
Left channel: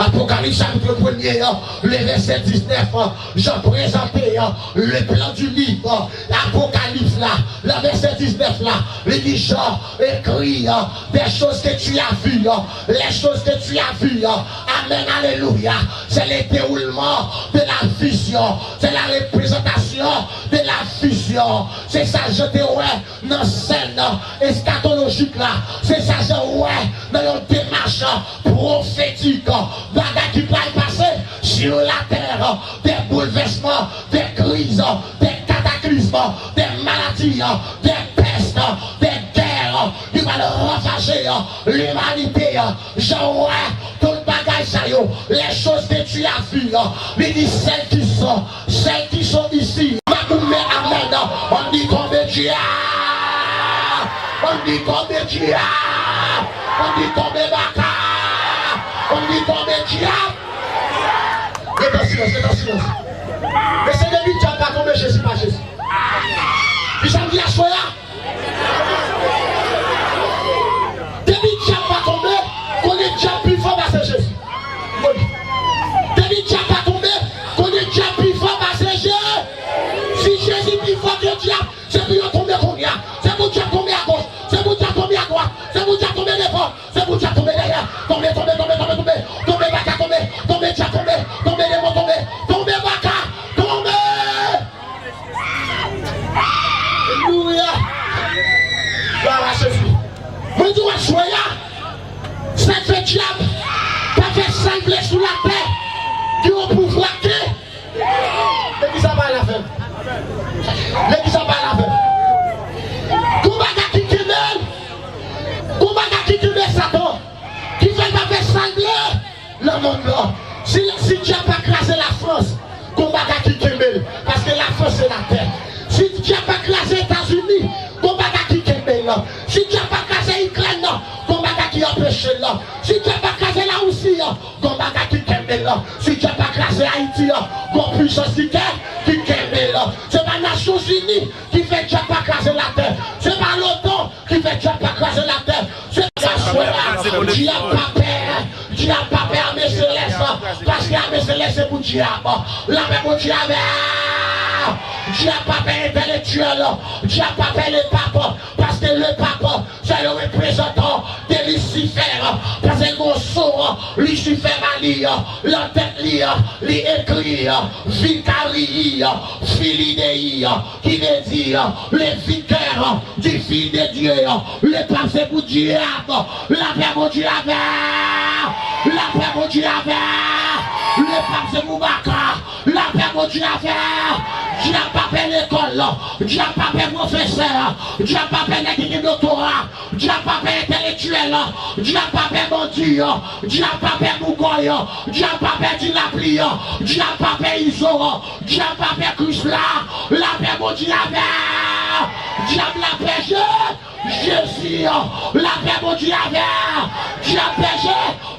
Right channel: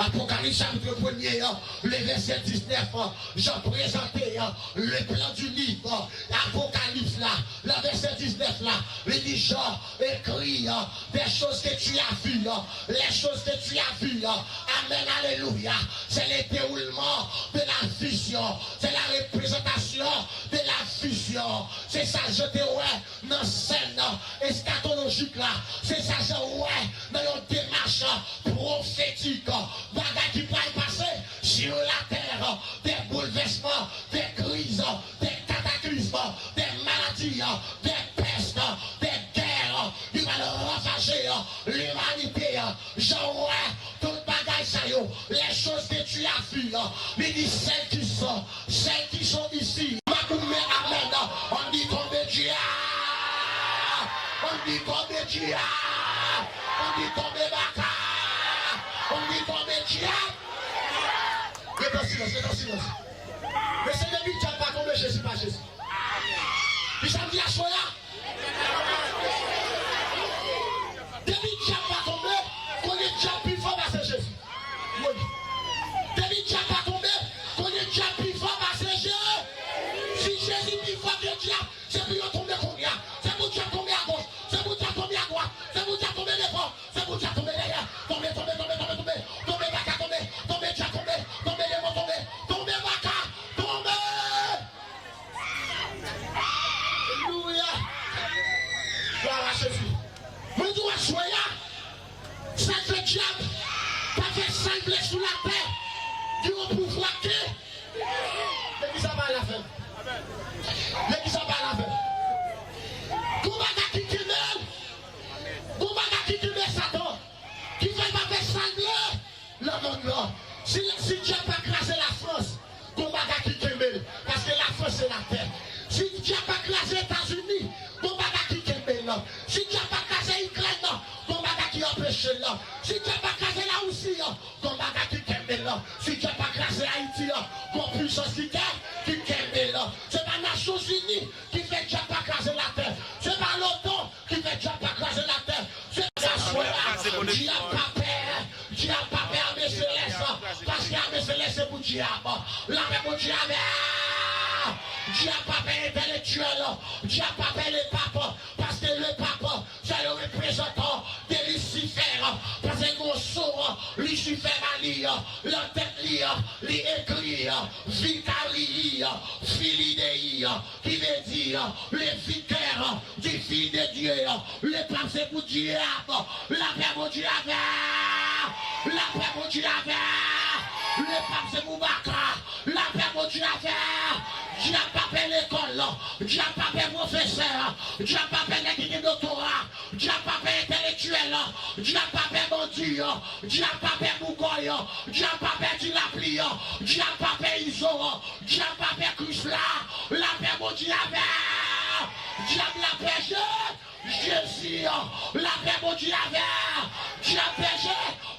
Apocalypse chapitre 1er, le verset 19, j'ai présenté le plan du livre. Apocalypse là, le verset 19 là, il dit Jean écrit des choses que tu as vues, les choses que tu as vues. Amen, alléluia. C'est le déroulement de la vision, c'est la représentation de la vision. C'est ça, je te ouais, dans scène eschatologique là, c'est ça, je ouais, dans une démarche prophétique. Bagaille qui va passer sur la terre, des bouleversements, des crises, des cataclysmes, des maladies, des pestes, des guerres, qui va ravager l'humanité. Genre, tout le bagage, ça y est, les choses que tu as vues, mais dit celles qui sont ici, amen, on dit combien Dieu, on dit combien Dieu, on dit combien Baka. On dit combien de diable? Et dans silence. Mais c'est le but qui n'a pas tombé Jésus, pas Jésus. Puis ça me dit à soi là. Depuis que tu n'as pas tombé, qu'on est déjà plus fort, c'est Jésus. Depuis que tu n'as pas tombé, qu'on est déjà plus fort, c'est Jésus. Si Jésus est plus fort que le diable, c'est pour lui tomber combien? C'est pour Dieu tomber à gauche, c'est pour Dieu tomber à droite, c'est pour Dieu tomber devant, c'est pour Dieu tomber derrière. Tomber, Baka, tomber, Dieu tomber, tomber, démon tomber, tomber, Baka, tomber. Alléluia. Gloire à Jésus. Moi, je dois choisir. Ça fait diable, pas fait sangler sous la terre, qui ont pouvoir que. L'église a pas la fin. L'église a pas la fin. Combat qui kemel, combat qui kemel Satan, qui fait pas faire sangler le monde là. Si Dieu n'a pas crasé la France, combat qui kemel, parce que la France c'est la terre. Si Dieu n'a pas crasé les États-Unis, combat qui kemel là. Si Dieu n'a pas crasé l'Ukraine, combat qui empêche là. Si Dieu n'a pas crasé la Russie, combat qui kemel là. Si Dieu n'a pas crasé Haïti, combat puissance qui kemel là. C'est pas les Nations Unies qui fait Dieu pas craser la terre. C'est pas l'OTAN qui fait Dieu pas craser la terre. C'est pas ça. Dieu n'a pas peur. Dieu n'a pas peur, mais céleste. Parce qu'il y a mes célestes, c'est pour Dieu. La même pour Dieu. Dieu n'a pas peur intellectuel. Dieu n'a pas peur le pape. Parce que le pape, c'est le représentant de Lucifer. Parce que mon sort, Lucifer a lire, la tête lire, les écrire, vicari, filidei, qui veut dire les vicaires du fils de Dieu. Le pape c'est pour diable. La paix pour Dieu avec. La paix pour Dieu avec. Le pape c'est pour Baka. La paix pour Dieu avec. Dieu n'a pas fait l'école, Dieu n'a pas fait professeur, Dieu n'a pas fait l'équipe doctorat, Dieu n'a pas fait intellectuel, Dieu n'a pas fait bandit, Dieu n'a pas fait Mougoy, Dieu n'a pas fait Dinapli, Dieu n'a pas fait Iso, Dieu n'a pas fait Chrysla, la paix mon Dieu avait, diable la péché, Jésus, la paix mon Dieu avait, Dieu a péché,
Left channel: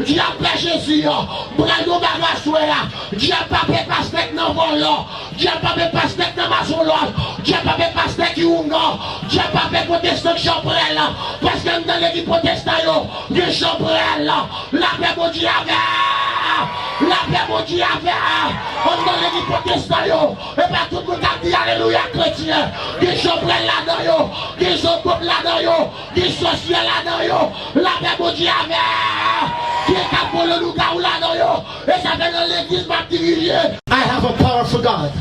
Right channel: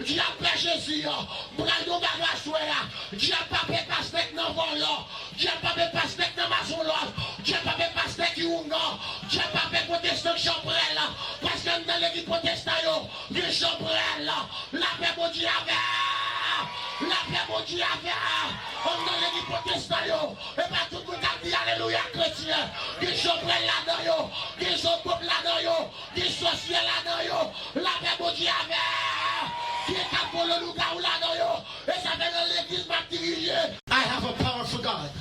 Dieu a Jésus, bravo bagage, Dieu a pas fait pasteur dans volant, Dieu a pas fait pasteur dans maçon, Dieu a pas fait pasteur qui ouvre, Dieu a pas fait protestant chambrel, parce que dans l'église protestant, des chambrel, la paix mon Dieu avait, la paix mon Dieu avait, on dans l'église protestant, et pas tout le monde a dit alléluia chrétien, des chambrel là-dedans, des hommes là-dedans, des sorciers là-dedans, la paix mon Dieu avait. I have a powerful God.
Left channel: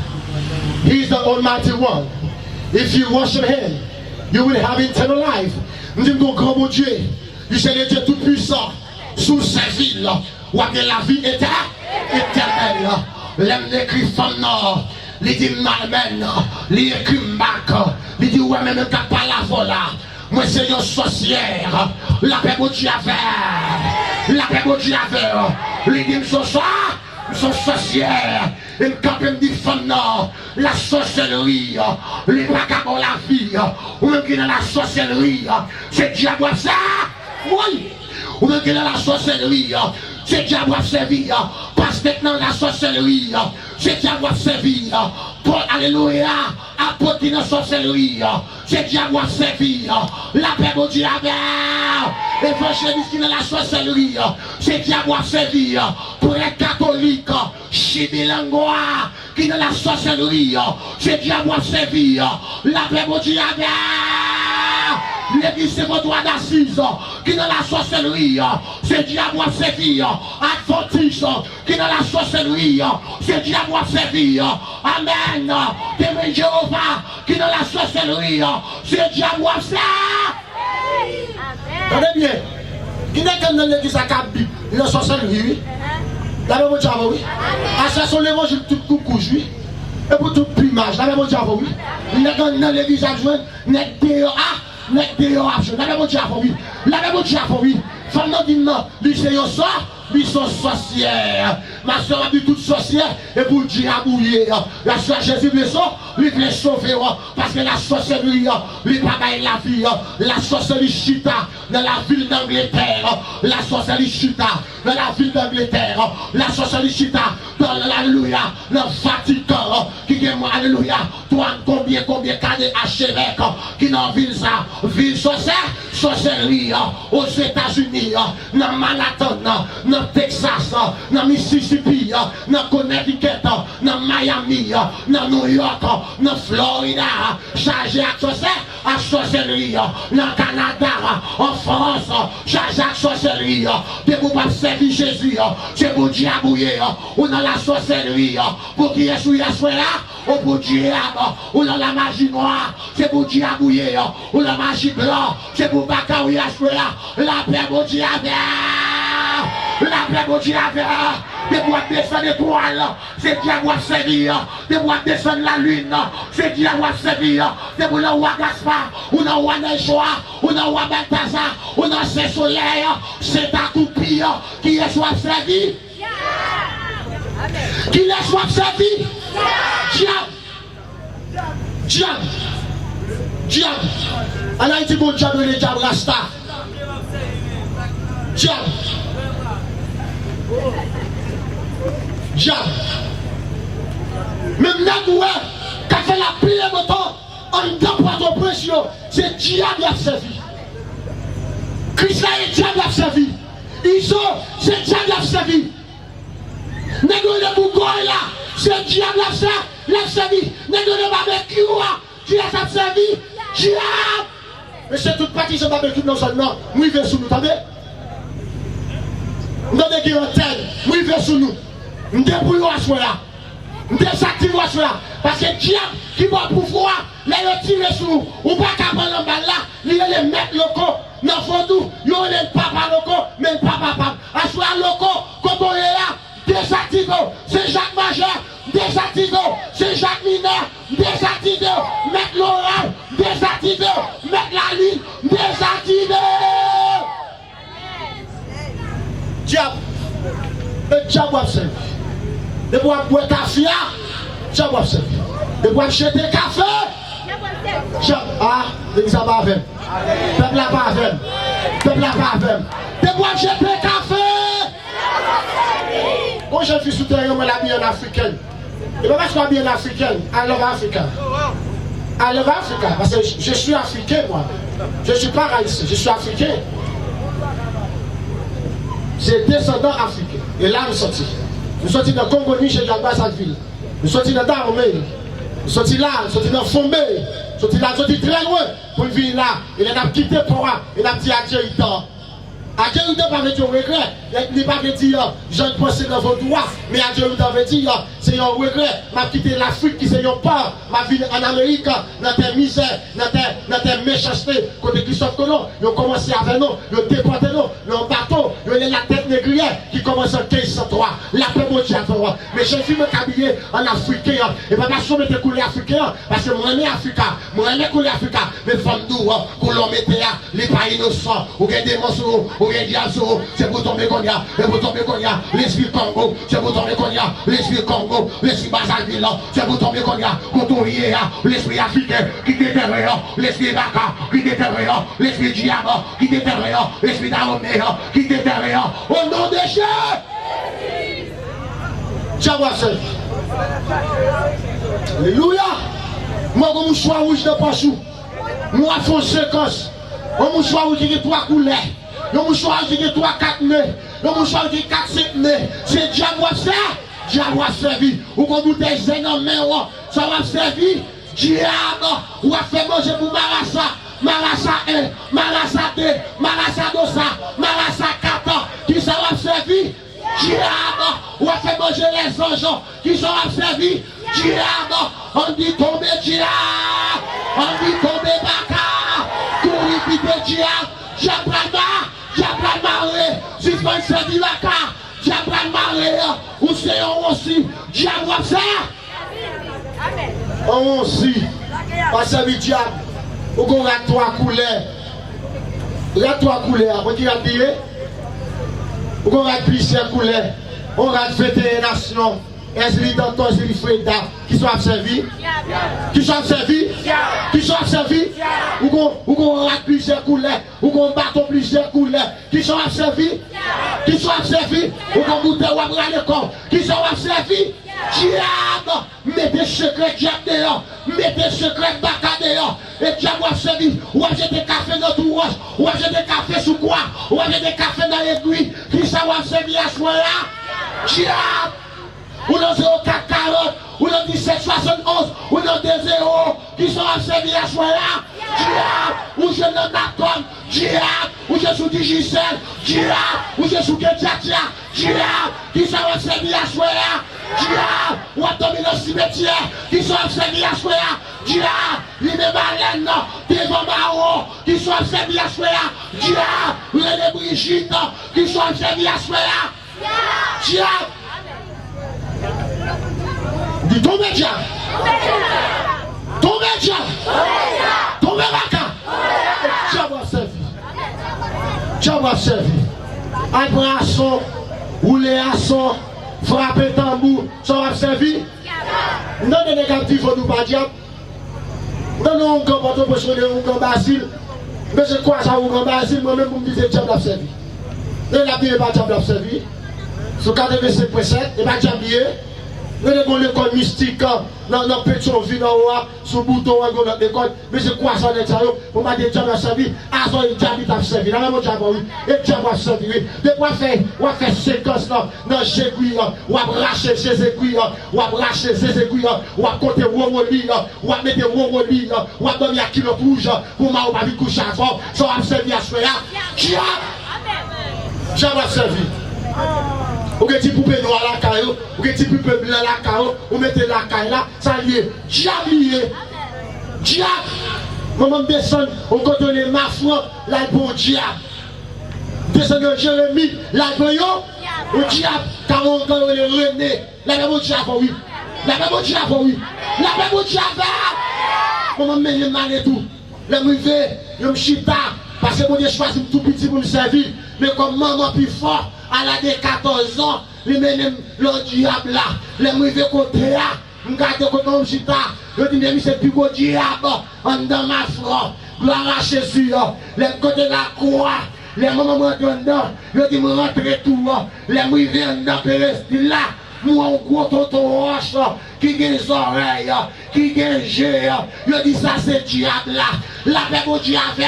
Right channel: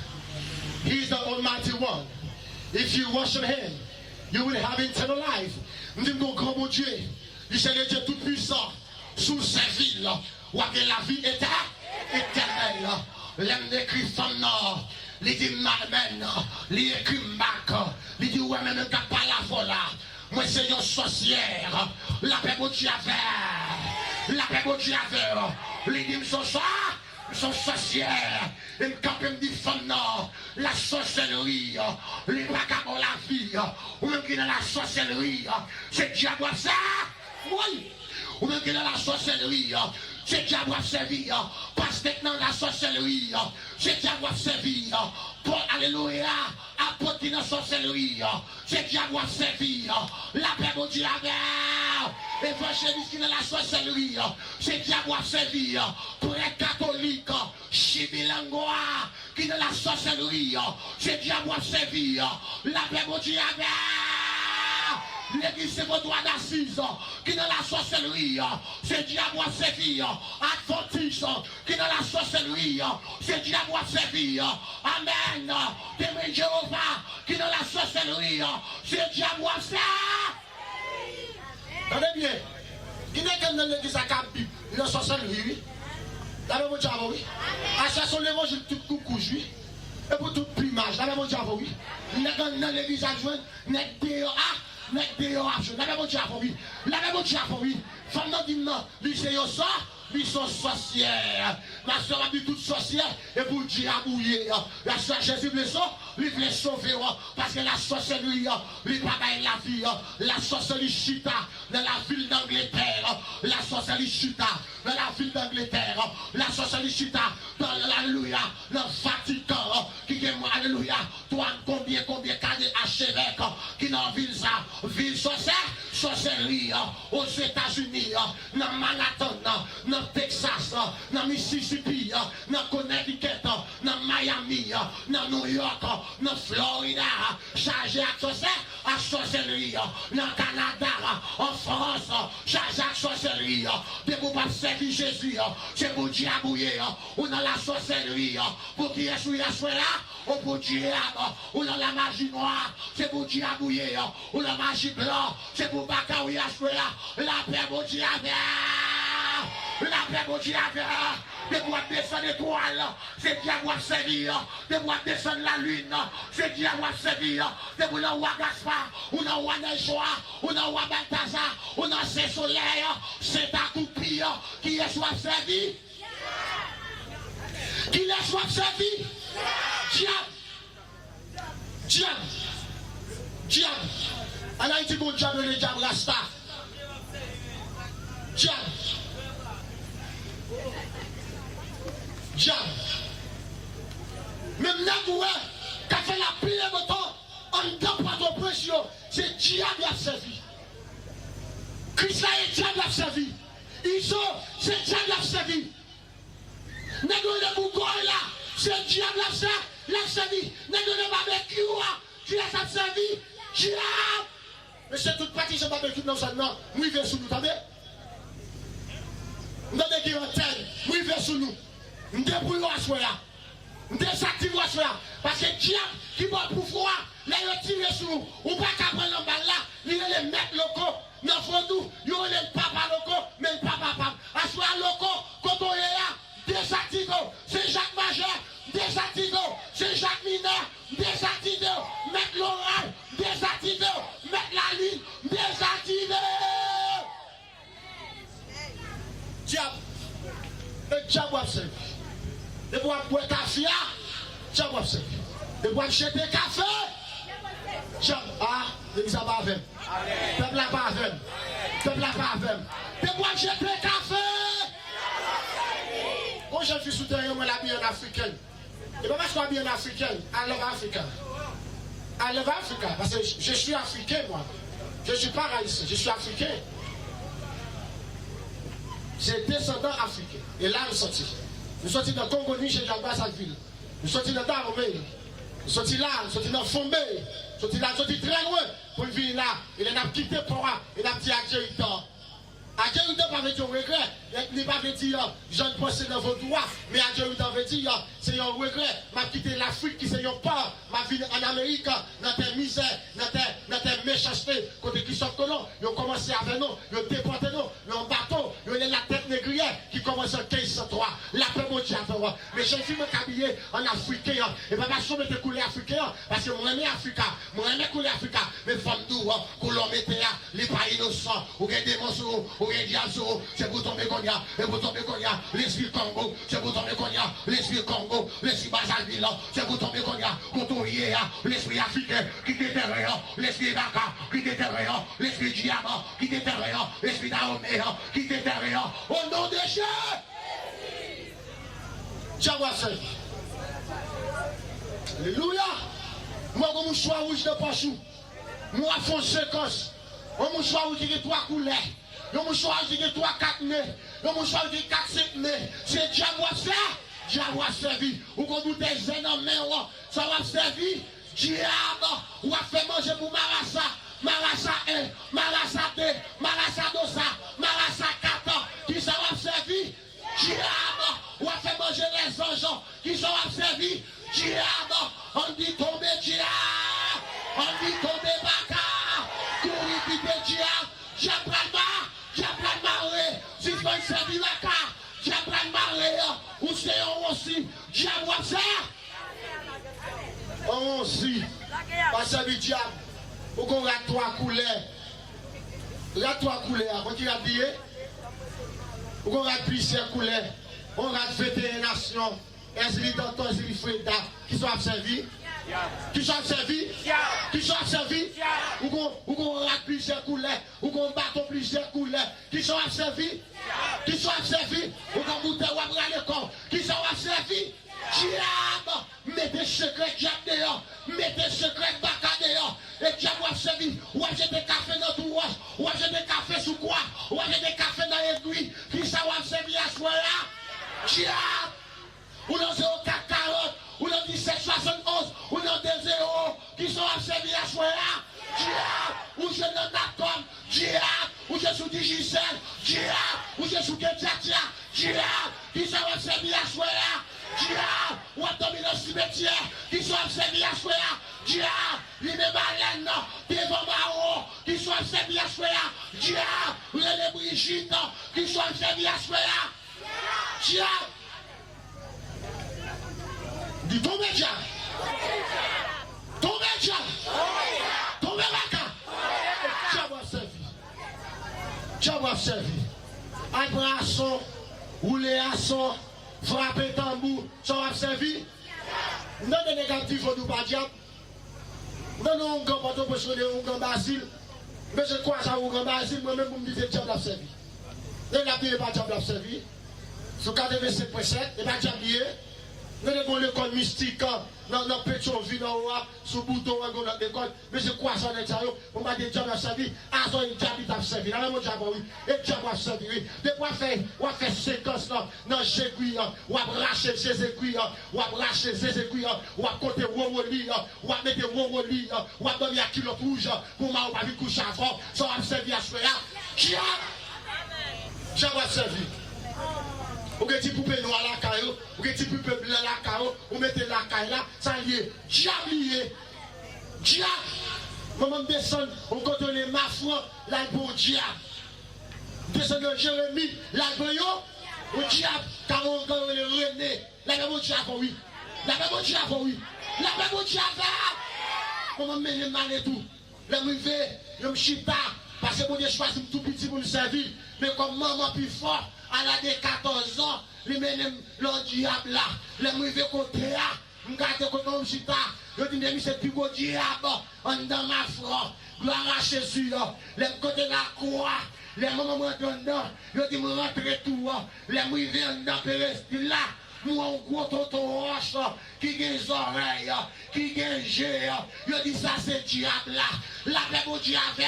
He is the Almighty One. If you worship Him, you will have eternal life. Nous disons grand bon Dieu, il est le Dieu tout puissant. Sous ces villes, où a la vie éternelle. L'homme écrit femme nord, il dit malmen, il écrit marque, il dit ouais même qu'à pas la vola. Moi c'est une sorcière, la paix mon Dieu avait, la paix mon Dieu avait, il dit son sorcière, il me dit femme non, la sorcellerie, les vagabonds la vie, ou même qui dans la sorcellerie, c'est diable ça, oui, ou même qui dans la sorcellerie, c'est diable servir, parce que dans la sorcellerie, c'est diable servir, pour alléluia, apôtre dans la sorcellerie, c'est diable servir, la paix mon Dieu avait, évangéliste qui dans la sorcellerie, c'est diable servir, pour les catholiques, chibilangois, qui dans la sorcellerie, c'est diable servir, la paix mon Dieu avait. L'église c'est votre droit d'assise qui dans la sorcellerie, c'est diable à servir. Adventiste qui dans la sorcellerie, c'est diable à servir. Amen. Témoin Jéhovah qui dans la sorcellerie, c'est diable à servir. Attendez bien. Qui n'est que dans l'église à Kabi, la sorcellerie, oui. La même diable, oui. À ça sont l'évangile tout coucou, oui. Et pour tout plumage, la même diable, oui. Il n'est que dans l'église à joindre, n'est dehors. La même Dieu oui. La même Dieu oui. Femme dit non, lui c'est ça, lui sont sorcières. Ma soeur a dit toute sorcière et pour Dieu a bouillé. La soeur Jésus veut ça, lui veut sauver parce que la sorcellerie, lui pas la vie. La sorcellerie chita dans la ville d'Angleterre. La sorcellerie chita dans la ville d'Angleterre. La sorcellerie chita dans l'alléluia, dans le Vatican. Qui est moi, alléluia. Toi, combien d'années à Chérec qui dans ville ça, ville sorcellerie aux États-Unis, dans Manhattan, dans Texas, dans Mississippi, dans Connecticut, dans Miami, dans New York, dans Florida, chargé à sorcellerie, dans Canada, en France, chargé à sorcellerie, de vous pas servir Jésus, c'est pour diabouiller, ou dans la sorcellerie, pour qui est sous là, ou pour diable, ou dans la magie noire, c'est pour diabouiller, ou la magie blanche, c'est pour baccaouiller la paix mon Dieu avait, la paix mon Dieu avait, des boîtes descendre l'étoile, c'est diable à servir, des boîtes descendre la lune, c'est diable à servir, des boîtes dans roi Gaspard, ou dans roi Nechoa, ou dans roi Balthazar, ou dans ce soleil, c'est ta toupie qui est soit servi, qui est soit servi, diable. Diable. En Haïti, bon diable, le diable rasta. Diable. Diable. Même Nagoué, qui a fait la prière de temps, en dedans pour ton pression, c'est diable qui a servi. Christ est diable qui a servi. Iso, c'est diable qui a servi. Nagoué de Bougoy là, c'est diable qui a servi. Nagoué de barbecue là, qui a servi. Diable! Mais c'est toute partie de ce barbecue dans son nom. Nous vivons sous nous, attendez? Nous avons des antennes, nous vivons sous nous. Nous débrouillons à ce là. Nous désactivons à ce là. Parce que diable qui va pouvoir, les tirer sur nous. Ou pas qu'à prendre le bal là, il y a les maîtres locaux. Dans le fond, il y a les papas locaux, mais le papa. À ce là, locaux, quand on est là, désactivons. C'est Jacques Majeur. Désactivé, c'est Jacques Mineur, désactivé, mettre l'oral, désactivé, mettre la ligne, désactivé. Diable, le diable va servir. De boire café, diable va servir. De boire jeter café, ah, l'église n'a pas avec. Peuple n'a pas avec. Peuple n'a pas avec. De boire jeter café, Quand je suis sous terre, moi la bien africaine. Et pas parce qu'on est bien africaine, I love Africa. I love Africa. Parce que je suis africain, moi. Je ne suis pas haïtien, je suis africain. J'ai descendant africain. Et là, nous sortis. Nous sortis dans Congo, chez Jacques-Bassaville. Nous sortis dans Daromé. Nous sortis là, nous sortis dans Fombé. Nous sortis là, nous sortis très loin pour venir là. Et là, nous avons quitté Pora. Et nous avons dit adieu, il tort. Adieu, il tort, pas avec un regret. Il n'est pas dire, je ne pense dans vos droits. Mais adieu, il tort, dire, c'est un regret. M'a quitté l'Afrique qui c'est un port. Ma vie en Amérique, dans tes misères, dans tes méchancetés. Côté Christophe Colomb, ils ont commencé avec nous, ils ont déporté nous, ils ont bateau, ils ont la tête négrière qui commence en 1503. La paix mondiale. Mais je suis habillé en africain. Et pas parce que je me coulé africain, parce que moi, je suis africain. Moi, je suis coulé africain. Mais femmes nous, pour l'homme était les pas innocents, ou des monstres, ou des diazos, c'est pour tomber qu'on y a, et pour tomber qu'on y a, l'esprit Congo, c'est pour tomber qu'on y a, l'esprit Congo, l'esprit Brazzaville, c'est pour tomber qu'on y a, Cotourier, l'esprit africain qui déterre, l'esprit Baka qui déterre, l'esprit Diamant qui déterre, l'esprit Daromé qui déterre, au nom de Jésus. Ciao, seul. Alléluia. Moi, comme je suis rouge de Pachou, moi, je fais séquence. Moi, je suis rouge qui 3 couleurs. Moi, je suis rouge qui 3, 4 nez. Moi, je suis rouge qui 4, 5 nez. C'est diable ça. Diable a servi. Ou quand vous êtes zen en main, ça va servir. Diable, ou a fait manger pour Marassa. Marassa 1, Marassa 2, Marassa 2, Marassa 4. Qui ça va servir? Diable, ou a fait manger les anges. Qui ça va servir? Diable, on dit tomber diable. On dit tomber baka. Courir vite diable. Diable maré. Si tu vas servir la carte. Diable maré, ou c'est on aussi, diable va faire. On aussi, pas servir diable. Ou qu'on a 3 couleurs. La 3 couleurs, on dit à dire. Ou qu'on a plusieurs couleurs. On a fêté les nations. Est-ce dans toi, c'est Freda qui sont servis? Qui sont servis? Qui sont servis? Ou qu'on rate plusieurs couleurs? Ou qu'on batte plusieurs couleurs? Qui sont servis? Qui sont servis? Ou qu'on goûte ou abra le corps? Qui sont servis? Diable! Mettez secret diable dehors! Mettez secret baka dehors! Et diable a servi! Ou a jeté café dans tout roche! Ou a jeté café sous quoi? Ou a jeté café dans l'aiguille! Qui ça va servir à ce moment-là? Diable! Ou dans 0440, ou dans 1771, ou dans 20, qui sont servis à ce moment-là. Diable, ou je n'en attends, diable, ou je suis Digicel, diable, ou je suis Kedjatia, diable, qui sont servis à ce moment-là. Diable, ou à tomber dans le cimetière, qui sont servis à ce moment-là. Diable, il est malin, devant Maro, qui sont servis à ce moment-là. Diable, les Brigitte, qui sont servis à ce moment-là. Diable. Dis tombez diable. Tombez diable. Tombez baka. Diable a servi. Diable a servi. Un bras à son, rouler à son, frapper tambour, ça va servir. Non, des négatifs, nous pas diable. Non, non, on comporte pour choisir un grand Basile. Mais je crois ça, un grand Basile, moi-même, vous me dites que diable a servi. Non, la Bible n'est pas diable a servi. Sur 85.7, et pas diable. Nous avons l'école mystique, dans Pétionville, sous bouton, dans l'école, mais je crois ça, pour m'a dit que Dieu a servi, à son diable a servi, dans la même diable, oui, et Dieu a servi, oui. De quoi faire, on va faire séquence dans Jéguy, on va bracher ses aiguilles, on va bracher ses aiguilles, on va compter Womoli, on va mettre Womoli, on va donner à kilo rouge, pour m'a pas vu coucher avant, ça va servir à ce là. Dieu a servi. Ou que tu poupées noires à la caillou, ou que tu poupées blancs à la caillou, ou mettez la caille là, ça lié. Diable lié. Diable. Maman descend, on continue ma foi, là bon diable. Descend de Jérémie, là bon yo, au diable, car on gagne le René. Là bon diable, oui. Là bon diable, oui. Là bon diable. Maman me mal et tout. Là me fait, je me chita, parce que mon Dieu choisit tout petit pour me servir. Mais comme maman plus fort, à l'âge de 14 ans, les mêmes le diable là, les mauvais côtés là, je regarde comme chita, je dis mais c'est plus beau diable, en dans ma foi, gloire à Jésus, les côtés de la croix, Les mamans rentrent dedans, je dis me rentrer tout. Les mouilles viennent dans le là. Moi, on gros tonton roche qui a des oreilles, qui a des yeux. Je dis ça, c'est diable là. La paix au diable.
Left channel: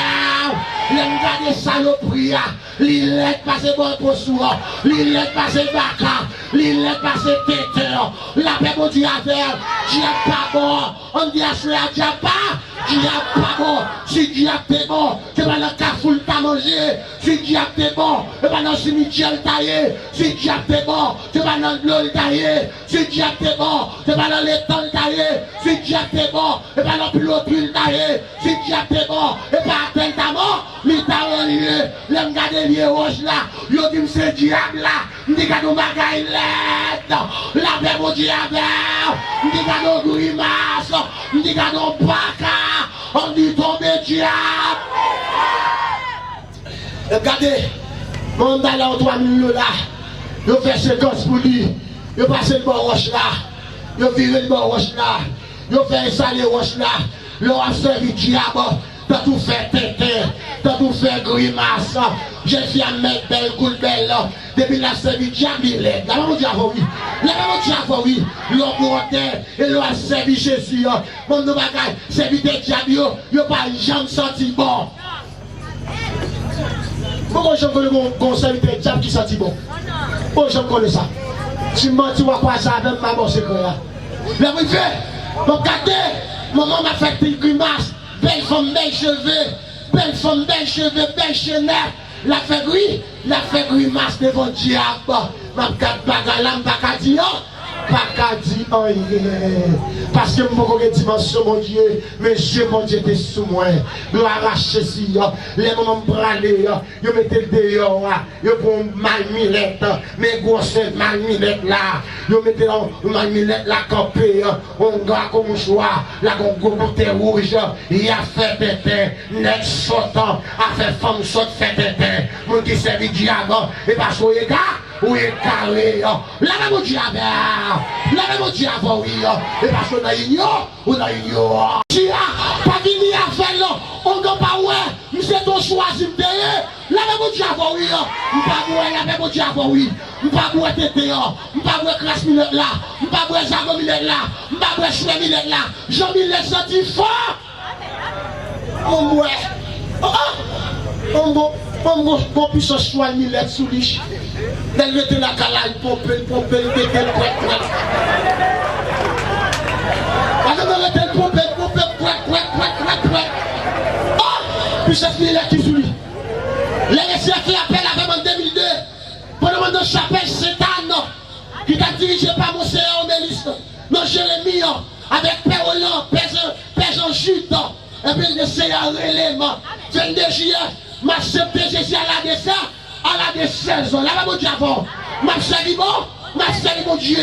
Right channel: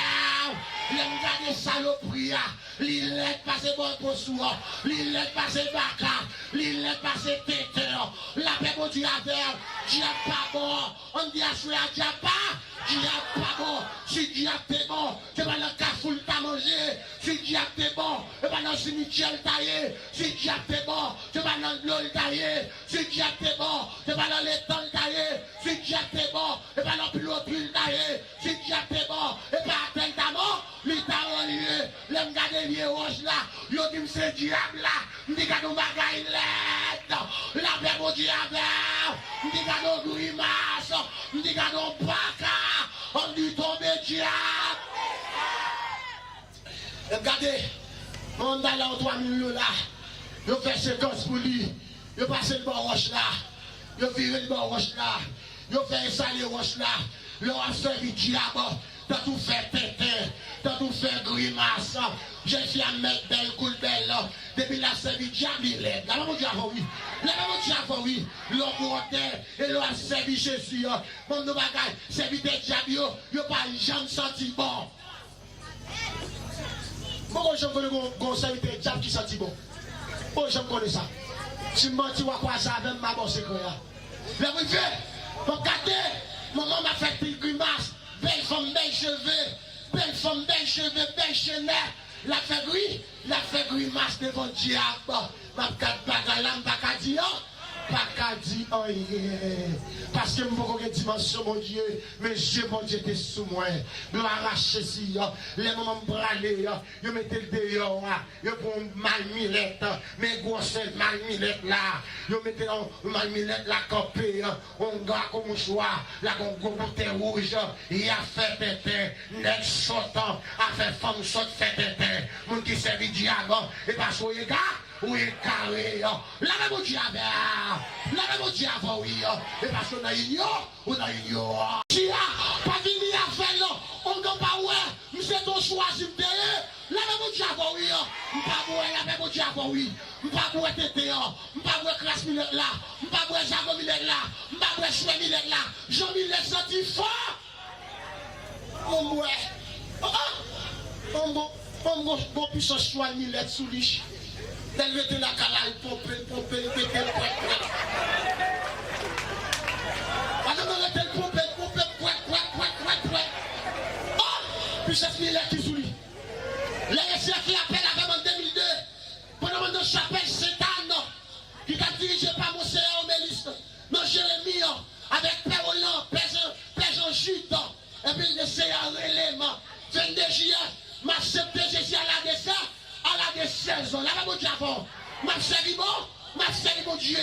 Les gars des saloperies. Les lettres passent bon pour soi. Les lettres passent baka. Les lettres passent tête. La paix au diable. Diable pas bon. On dit à ce diable pas. Diable pas bon. Si diable t'es bon, c'est pas le cafoule t'as mangé. Si diable t'es bon, c'est pas dans le cimetière taillé. Si diable t'es bon, c'est pas dans l'eau taillé. Si diable t'es bon, c'est pas dans l'étang taillé. Si diable t'es bon, c'est pas dans l'autre taillé. Si diable t'es bon, c'est pas atteindre ta mort. L'État lié, l'homme garde lié roche là. Yo dit c'est diable là. M'dit qu'à nous bagaille l'aide. La paix au diable. M'dit qu'à nous grimace. M'dit qu'à nous baka. On dit tomber diable. Regardez, mon là en 3 millions là. Je fais 50 pour lui. Je passe le bon roche là. Je vire le bon roche là. Je fais un salé roche là. Je a servi diable. T'as tout fait tété. T'as tout fait grimace. J'ai fait un mec belle, cool belle. Depuis la servi diable, il est. La maman diable, oui. La maman diable, oui. L'homme montait et l'homme a servi Jésus. Mon nous bagaille, servi des diables, yo pas jamais senti bon. Pourquoi je connais mon conseil de diable qui senti bon? Pourquoi je connais ça? Tu mens, tu vois quoi ça avec maman, c'est quoi? La oui, regardez, maman m'a fait une grimace. Belle femme, belle cheveux, belle femme, belle cheveux, belle chenette. La fait grimace devant le diable. Ma carte bagalam, pas dit, pas dit, parce que mon dimension, mon Dieu, mais je mon Dieu était sous moi. Je arrache si, les moments bralés, je mettais le dehors, je prends malminette, mes grosses malminettes là, je mettais la malminette là, campée, on gars comme choix, la gros bouteille rouge, il a fait tété, net sautant, a fait femme saute fait tété, mon qui servi diable, et parce que les gars, ou est carré, la même diable, la même diable, oui, et parce qu'on a ignoré, on a ignoré. Si pas fini à faire là, on ne pas ouais, monsieur ton choisi de la même diable, oui, pas ouais, la même diable, oui, pas ouais tété, pas ouais classe minute là, pas ouais jago minute là, pas ouais choué minute là, Jean-Michel senti fort. On ouais, on puisse choisir Millet sous liche. Elle mettait la calaille, pomper, le pétel, prêt. Elle mettait le pomper, prêt. Oh! Puis c'est Millet qui sous lui. Les récits qui appellent avec en 2002, pendant que chapelle Satan, qui t'a dirigé par mon Seigneur Mélis, non Jérémie, avec Père Hollande, Père Jean Chute, et puis le Seigneur Rélément, 22 juillet, m'a accepté Jésus à la descente. À la de 16 ans, là, mon Dieu, m'a servi mon Dieu,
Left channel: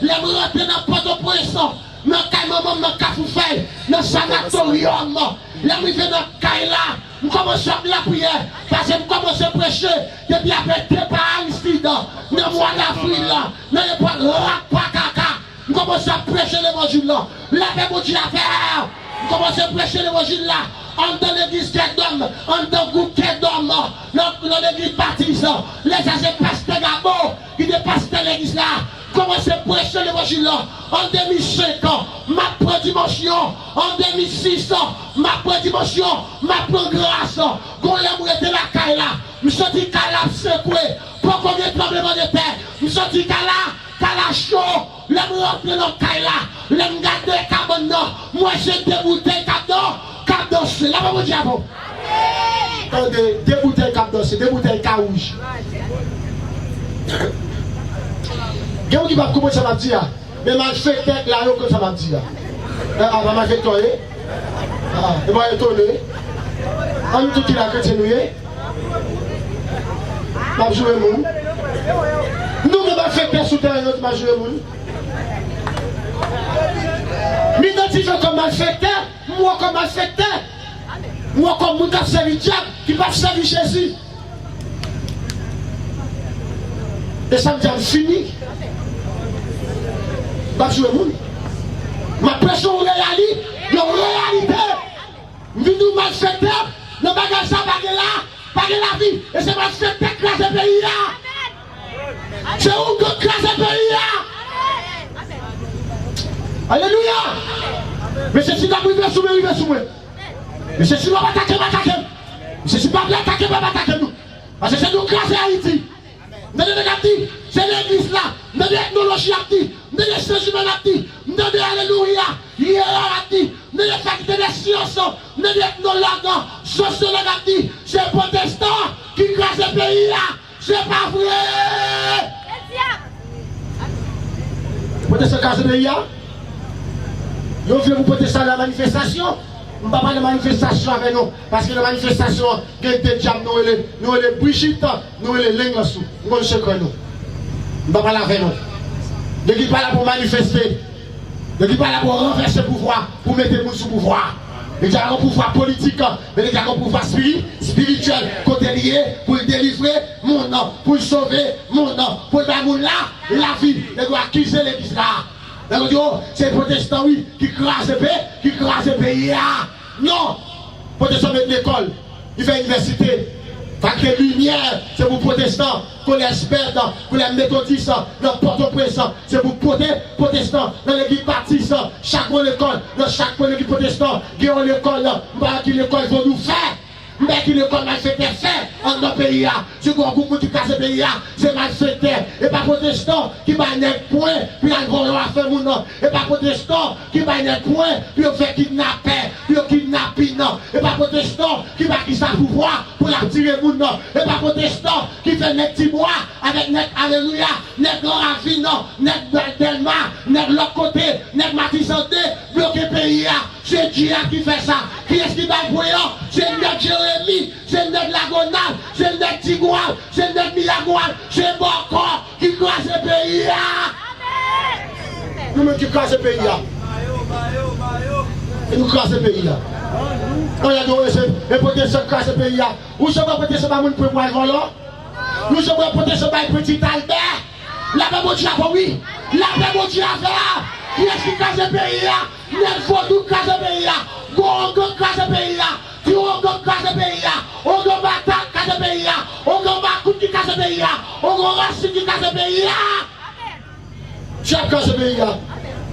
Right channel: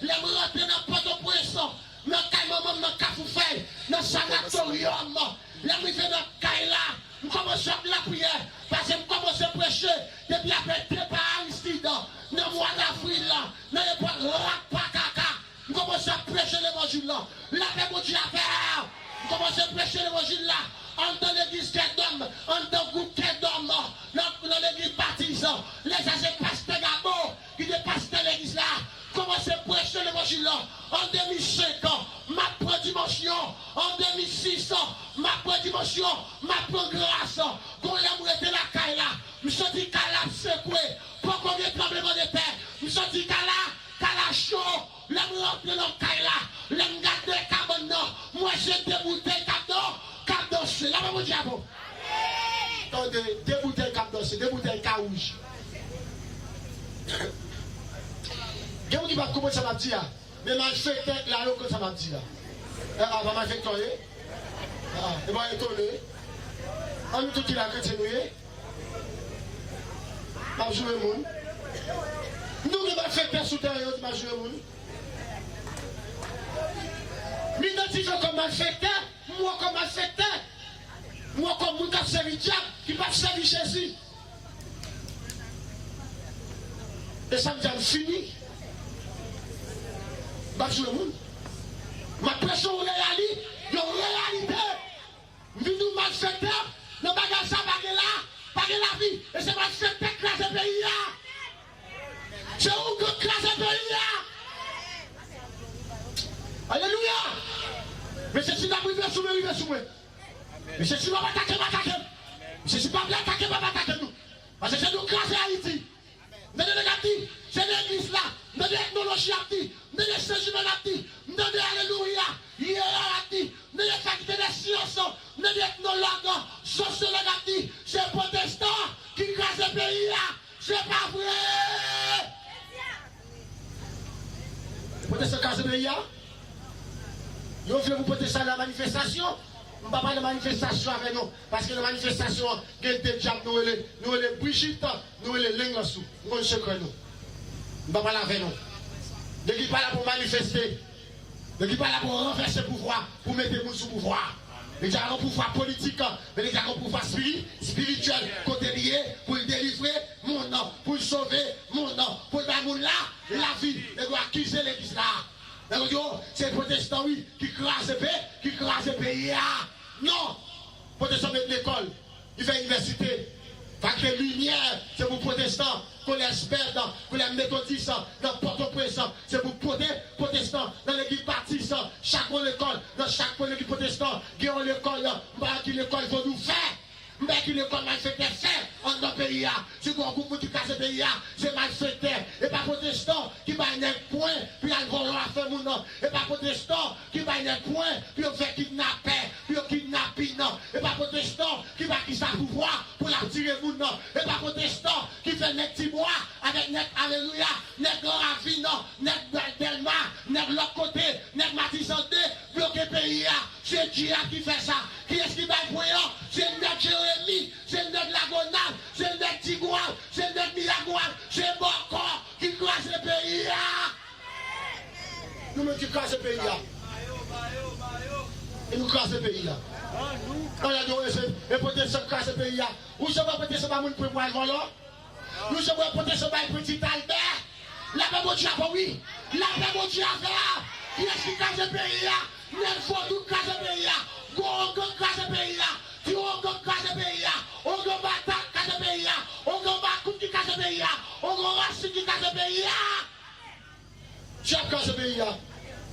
les rentrés dans Port-au-Prince, dans le maman, dans le Cafoufel, dans le sanatorium, les arrivés dans le Kaila, je commence à la prière, parce que je commence à prêcher, depuis après deux par Aristide, dans le mois d'avril, dans le mois de Rakpakaka, je commence à prêcher l'évangile là, la paix, mon Dieu, à faire, je commence à prêcher l'évangile là. Dans l'église d'homme, dans le groupe d'homme, dans l'église baptiste, les agents pasteurs Gabo, qui dépassent l'église là, commencent à prêcher l'évangile là. En 2005 ans, ma prédimension, en 2006 ans, ma prédimension, ma grâce, quand l'amour était la caille là, je me suis dit qu'elle a secoué, pour qu'on ait tremblement de terre, je me suis dit qu'elle a chaud, l'amour entre dans la caille là, l'amour garde carbone, moi j'ai des bouteilles cadeaux. Cap danser, là mon diable. Attendez, deux bouteilles cap danser, deux bouteilles carouge. Quelqu'un qui va commencer à me dire, mais mal fait tête là, que ça m'a dit là. Ah, va mal fait toi, ah, et va étonner. On nous tout qui l'a continué. M'a joué moun. Nous qui va faire tête sous terre, nous m'a joué moun. M'identifie comme malfaiteur, moi comme malfaiteur, moi comme mon qui a servi diable, qui va servir Jésus. Et ça me dit fini. Je suis le monde. Ma pression réalité, une réalité. Nous malfaiteur, le bagage ça bagage là, pas de la vie. Et c'est parce que c'est écrasé le pays. C'est où que écrasé le pays. Alléluia. Mais c'est si la privé sous moi. Mais c'est si on va attaquer. Mais c'est pas bien attaquer, on va attaquer nous. Parce que c'est nous écraser Haïti. C'est l'église là, c'est l'ethnologie active, c'est les sciences humaines actives, c'est alléluia, hiérarchie, c'est les facultés des sciences, c'est l'ethnologue, sociologue active, c'est les protestants qui crasent le pays là, c'est pas vrai. Protestants crasent le pays là? Vous voulez vous protester à la manifestation? Je ne parle pas de manifestation avec nous, parce que la manifestation, il y a des diables, nous les Brigitte, nous les Lengassou, nous sommes nous. Je ne parle pas avec nous. Ne qui pas là pour manifester, ne qui pas là pour renverser le pouvoir, pour mettre le monde sous pouvoir. Il y a un pouvoir politique, mais il y a un pouvoir spirituel, côté lié, pour le délivrer, mon nom, pour le sauver, mon nom, pour le faire là, la vie, il doit accuser l'église là. C'est les protestants, oui, qui crasent le pays. Non, les protestants mettent l'école, ils font l'université. Parce que lumière, c'est pour les protestants, pour les experts, pour les méthodistes, dans Port-au-Prince, c'est pour les protestants, dans l'église baptiste, chaque l'école, dans chaque église protestant, qui ont l'école, qui l'école vont nous faire. Mais qui l'école mal fait en notre pays. Si vous avez un qui casse le pays, c'est mal fait. Et pas protestant qui va net point, puis un gros à faire mon nom. Et pas protestant qui va net point, puis on fait kidnapper, puis on kidnapping. Et pas protestant qui va qui sa pouvoir pour la tirer mon nom. Et pas protestant qui fait net petit bois avec net alléluia, net grand ravine, net Delma, net l'autre côté, net Matisandé, bloquer le pays. C'est Dieu qui fait ça. Qui est-ce qui va voyant? C'est notre Jérémie, c'est notre Lagonal, c'est notre Tigoual, c'est notre Milagoual, c'est Boko qui casse le pays. Nous-mêmes qui casse le pays. Et nous casse le pays. On a dit, les protestants cassent le pays. Où sont les protestants qui peuvent voir le volant? Nous sommes les protestants qui peuvent petit Albert. La paix mon Dieu a oui. La paix mon Dieu a fait. Qui est-ce qui casse le pays? Net Vodou casse le pays. Gongo casse le pays. Tiongo casse le pays. Ogo Bata casse le pays. Ogo Bakout qui casse le pays. Ogo Racine qui casse le pays. Chaque casse le pays.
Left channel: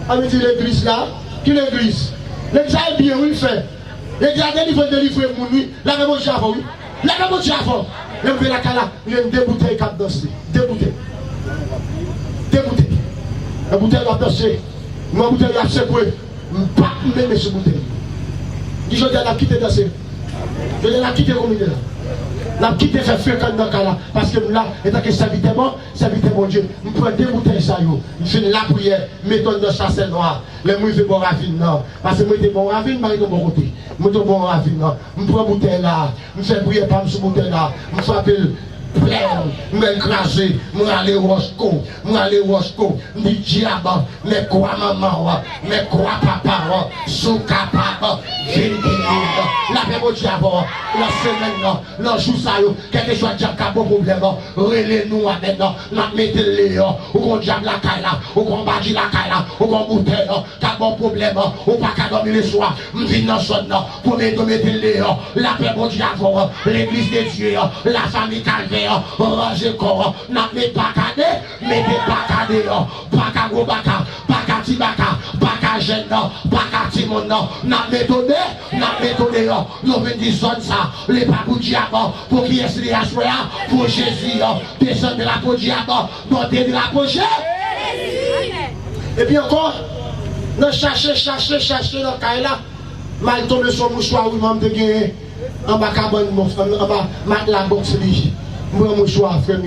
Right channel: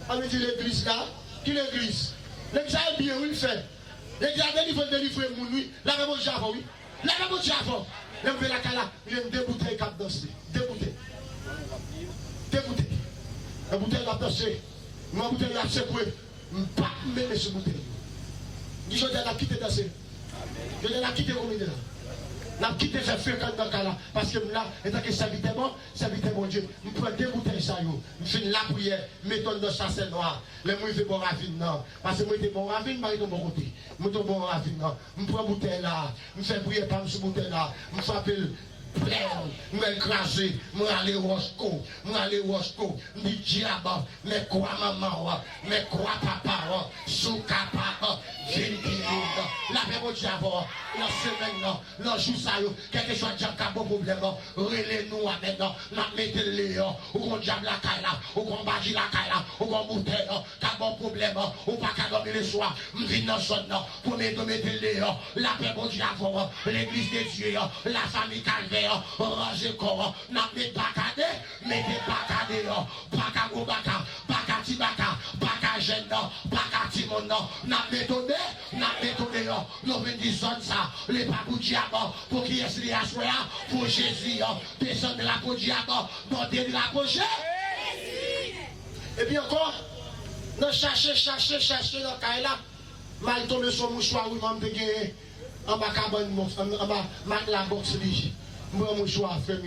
On dit l'église là. Qui l'église? L'église est bien, oui, fait. L'église a délivré mon nuit. La même chose avant, oui. La même chose avant. Je vais la cala. Il y a deux bouteilles qui dansent. Deux bouteilles. La bouteille a dansé. Ma bouteille a secoué. Je ne peux pas me ce bouteille. Je dis, je quitté danser. Je l'ai quitté comme il est là. Je l'ai quitté faire fréquent dans le cas là. Parce que là, étant que ça vite mon Dieu. Je prends deux bouteilles ça. Je fais la prière. Mettons dans chasse noire. Les mouilles de bon ravine. Parce que moi, je suis bon ravine, je suis de bon côté. Je suis bon ravine. Je prends bouteille là. Je fais prier par ce bouteille là. Je frappe. Je vais écraser, je vais aller au Roscoe, je dis diable, mais quoi maman, mais quoi papa, sous capable, la paix au diable, la semaine, la jour ça, quelque chose de cap au problème, relais-nous avec nous, mettez-les, ou diable la caille, ou qu'on bâtit la caille, ou qu'on bouteille, cap au problème, ou pas qu'à dormir le soir, je viens dans son nom, pour mettez-les, la paix au diable, l'église de Dieu, la famille calvaire. Ranger corps, n'a pas cadé, mettez pas cadé, pas qu'à go baka, pas qu'à tibaka, pas qu'à gêne, pas qu'à timon, n'a méthode, nous venons ça, les papous diable, pour qui est-ce les assoya, pour Jésus, descendre de la peau diable, monter de la peau Jésus. Et puis encore, nous chercher dans le cas là, mal tombé sur le mouchoir, oui, m'en dégué, en bas cabane, en bas, la boxe, moi, mon choix, frère,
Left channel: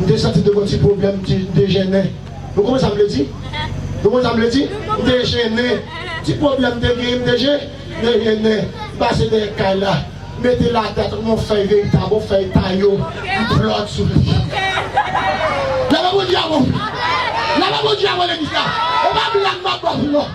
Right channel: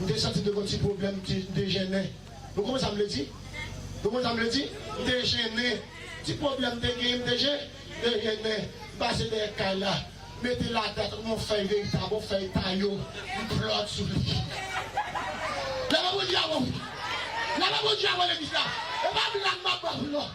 je me senti de mon petit problème de gêné. Vous comment ça me le dit? Vous comment ça me le dit? De gêné. Petit problème de gêné. Passez des cas là. Mettez la tête, mon fait véritable, mon fait taillot. Je flotte sur lui. Là, mon diable. Là, mon diable, l'église là. On va blaguer ma boîte, non.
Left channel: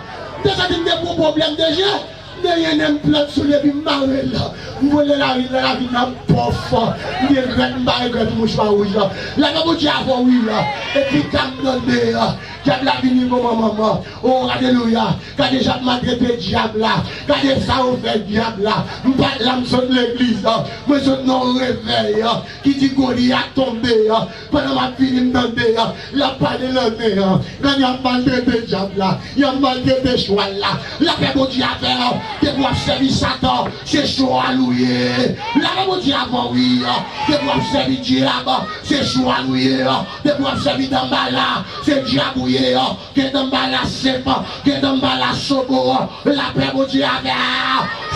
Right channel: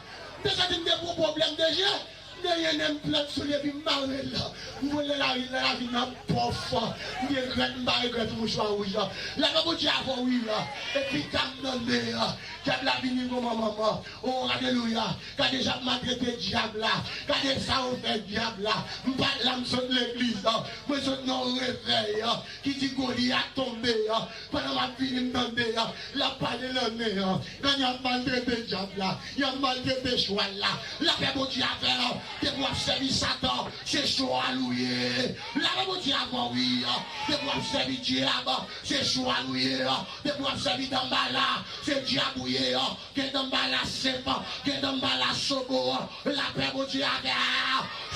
Déjà, il y a des problèmes de gêné. Rien n'aime plein sur les puis marrer là. Vous voulez la vie n'a pas fort. Il y a une bague mouche pas rouge là. La maman dit avant oui là. Et puis quand donné là, qui a la vie mon maman. Oh alléluia. Quand déjà maltraité diable là, quand ça au fait diable là. Pas l'âme sur l'église là. Moi je non réveil qui dit Goliath tombé pendant ma fille me demander la pas de l'année quand il y a maltraité diable là, il y a maltraité cheval là. La paix bon Dieu a fait de pouvoir servir Satan, c'est chaud à louer. La bon Dieu avant oui, de pouvoir servir diable, c'est chaud à louer. De pouvoir servir d'emballa, c'est diabouiller, que d'emballa c'est pas, que d'emballa sobo. La paix bon Dieu a fait,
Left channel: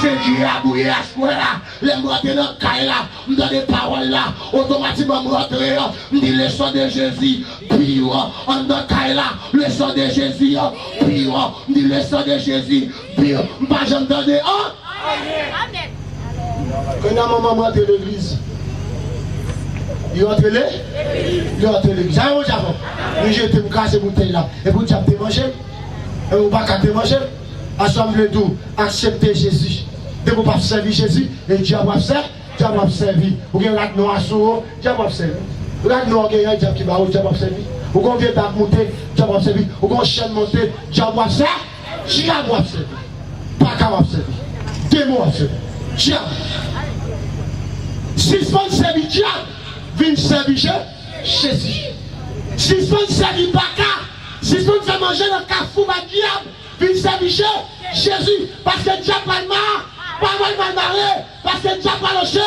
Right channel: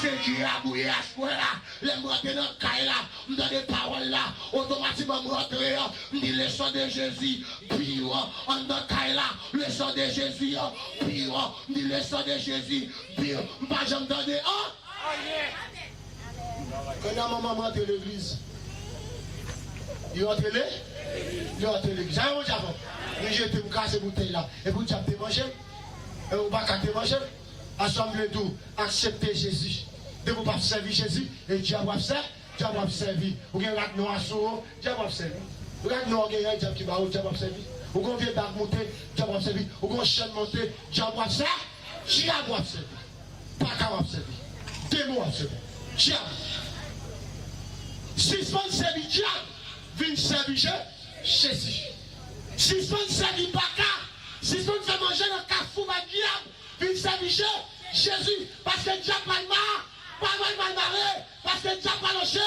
c'est diabouiller à ce point là. Les mots de notre caille là, me donne des paroles là, automatiquement me rentrer, me dit le sang de Jésus, pire, en notre caille là, le sang de Jésus, pire, me dit le sang de Jésus, pire, pas j'entendais, Amen. Quand maman rentre l'église, il rentre l'église, ça va avant, il jette me casser bouteille là, et vous tu as manger, et vous pas te manger, assemblez tout, acceptez Jésus, de vous pas servir Jésus, et Dieu va faire. Dieu va servir. Vous avez un noir sur Dieu va servir. Vous avez un noir qui va Dieu va servir. Vous avez un vieux monter, Dieu va servir. Vous avez un chien monter, Dieu va servir. Dieu va servir. Pas qu'à va servir. Démon va servir. Dieu. Si vous servir Dieu, venez servir Jésus. Si vous servir Baka, si vous faites manger dans le cafou, diable, venez servir Jésus. Parce que Dieu pas le mal. Pas mal marrer, parce que Dieu pas l'enchaîner,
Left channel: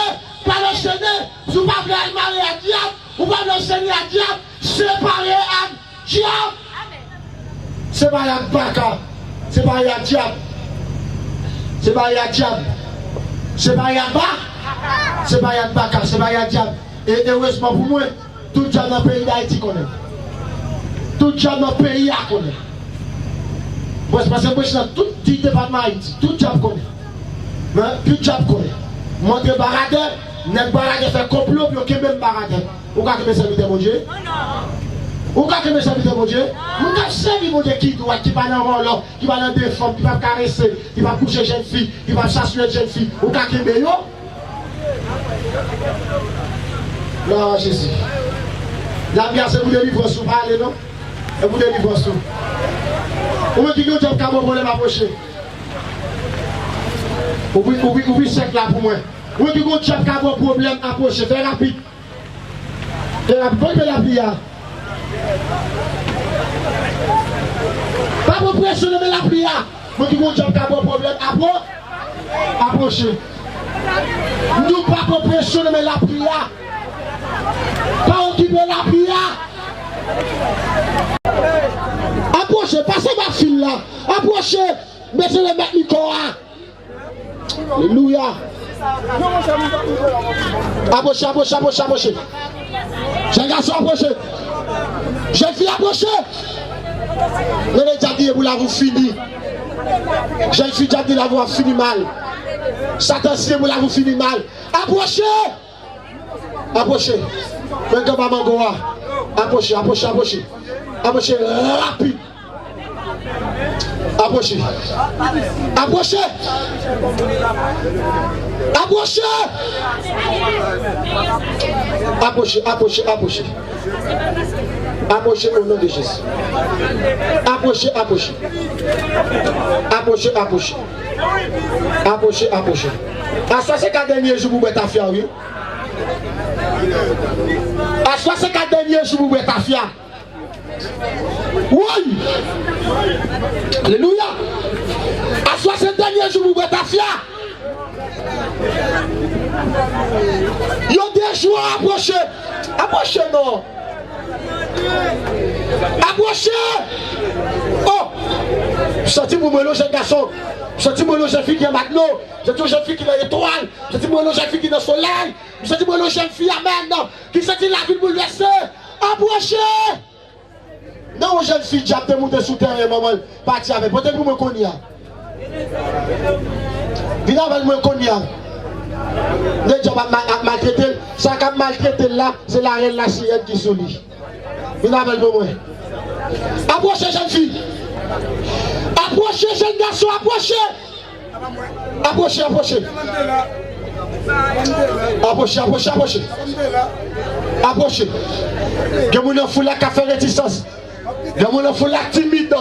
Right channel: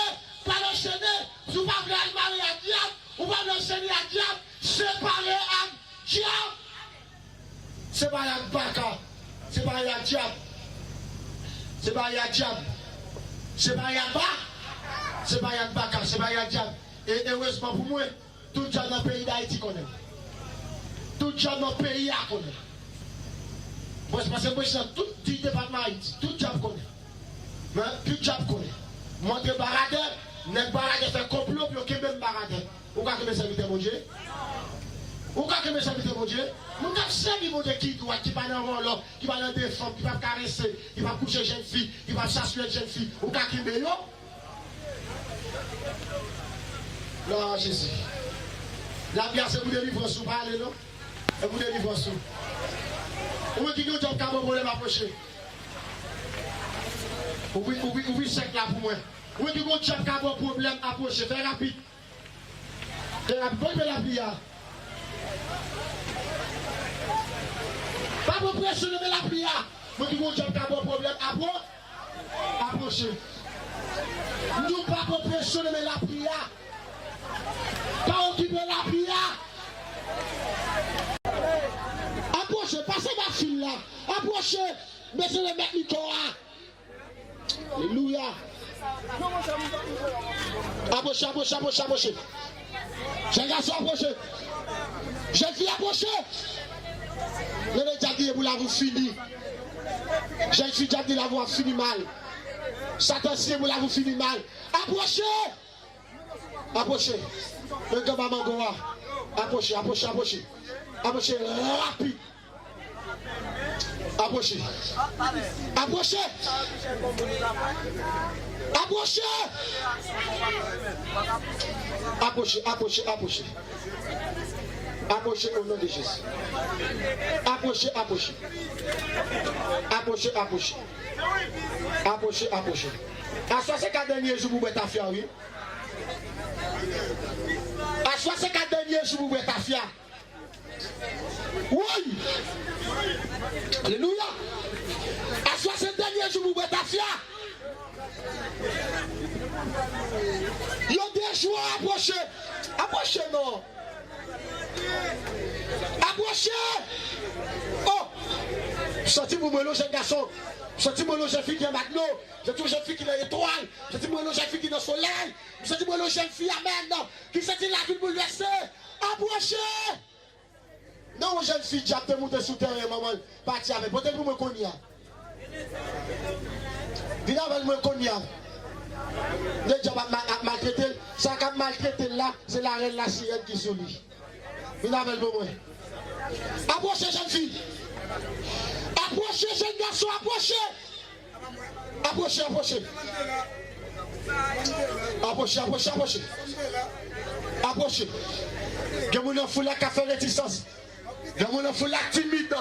si vous ne pouvez pas marrer à diable, vous ne pouvez pas l'enchaîner à diable, séparer à diable. Séparer à Baka, séparer à diable, séparer à diable, séparer à Baka, séparer à Baka, séparer à diable. Et heureusement pour moi, tout diable dans le pays d'Haïti connaît. Tout diable dans le pays à connaît. Parce que moi, je suis dans tout le département d'Haïti, tout diable connaît. Mais tout diable connaît. Montre baradeur, n'est baradeur fait complot, puis on même baradeur. Vous avez que mes serviteurs, mon Dieu? Vous avez que mes serviteurs, mon Dieu? Vous avez servi mon Dieu qui doit, qui va dans le rôle, qui va dans des femmes, qui va caresser, qui va coucher jeune fille, qui va s'assurer jeune fille. Vous avez que mes non, Jésus. La bière, c'est pour délivrer sous parler, non? Et pour délivrer sous. Vous me dites que vous avez un problème approché. Oubliez sec là pour moi. Vous dites que vous avez un problème approché. Fais rapide. Fais rapide. Bonne la prière. Pas pour pressionner la prière. Vous dites que vous avez un problème approché. Nous pas pour pressionner la prière. Pas occuper la prière. Approchez, passez ma fille là. Approchez, mettez le mec Nicolas. Alléluia. Approchez, approchez, approchez, approchez. Jeune garçon, approchez. Jeune fille, approchez. Mais les diables, vous l'avez fini. Jeune fille, diable, vous l'avez fini mal. Satan, vous l'avez fini mal. Approchez. Approchez. Maintenant, maman Goa. Approchez, approchez, approchez. Approchez rapide. Approchez. Approchez. Approchez. Approchez, approchez, approchez. Approchez au nom de Jésus. Approchez, approchez. Approchez, approchez. Approchez, approchez. À 64 derniers jours, vous êtes à faire, oui. À 64 derniers jours, vous êtes à faire. Oui. Alléluia. À 60 derniers jours, vous êtes à faire. Il y a des jours à approcher. Approchez, non. Approchez. Oh. Sentez-vous le jeune garçon. Sentez-moi le jeune fille qui est maintenant. Sentez-moi le jeune fille qui est étoile. Sentez-moi le jeune fille qui est dans le soleil. Sentez-moi le jeune fille, amen. Qui sentit la vie bouleversée. Approchez. Non, jeune fille, j'ai appelé monter sous terre et maman, parti avec. Peut-être que vous me connaissez. Venez avec moi, connaissez. Les gens ont maltraité. Ça qui a maltraité là, c'est la reine la sirène qui sourit. Venez avec moi. Approchez, jeune fille. Approchez, jeune garçon, approchez. Approchez, approchez. Approchez, approchez, approchez. Approchez. Que mon enfant là qui a fait réticence. Que mon enfant là timide.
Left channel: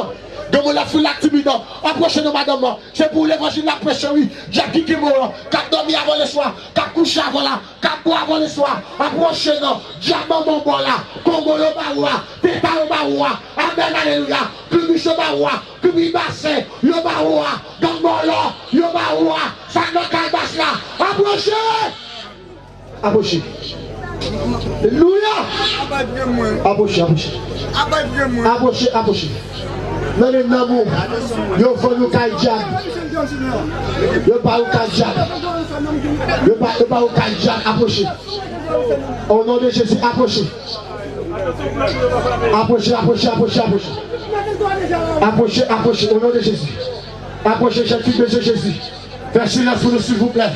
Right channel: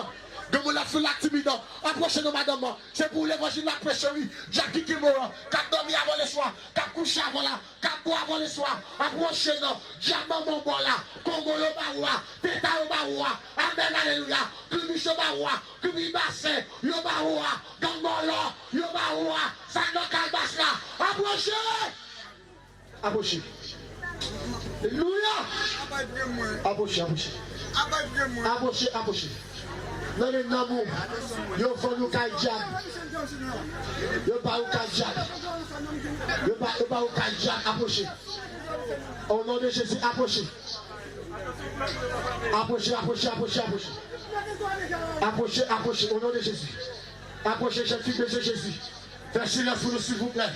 Que mon enfant là timide. Approchez-nous, madame. C'est pour l'évangile de la prêche, oui. Jackie qui est mort. Qui a dormi avant le soir. Qui a couché avant là. Qui a boit avant le soir. Approchez-nous. Diamant mon bon là. Congo le baroua. Teta le baroua. Amen, alléluia. Kubiche baroua. Kubi bassin. Le baroua. Gangolo. Le baroua. Sagno kalbas là. Approchez. Approchez. Alléluia. Approchez, approchez. Approchez, approchez. Non, les namours, yo vont nous kaïdjab. Yo pas au kaïdjab. Yo pas au kaïdjab. Approchez. Au nom de Jésus, approchez. Approchez, approchez, approchez, approchez. Approchez, approchez, au nom de Jésus. Approchez, j'ai besoin de Jésus. Faites silence pour nous, s'il vous plaît.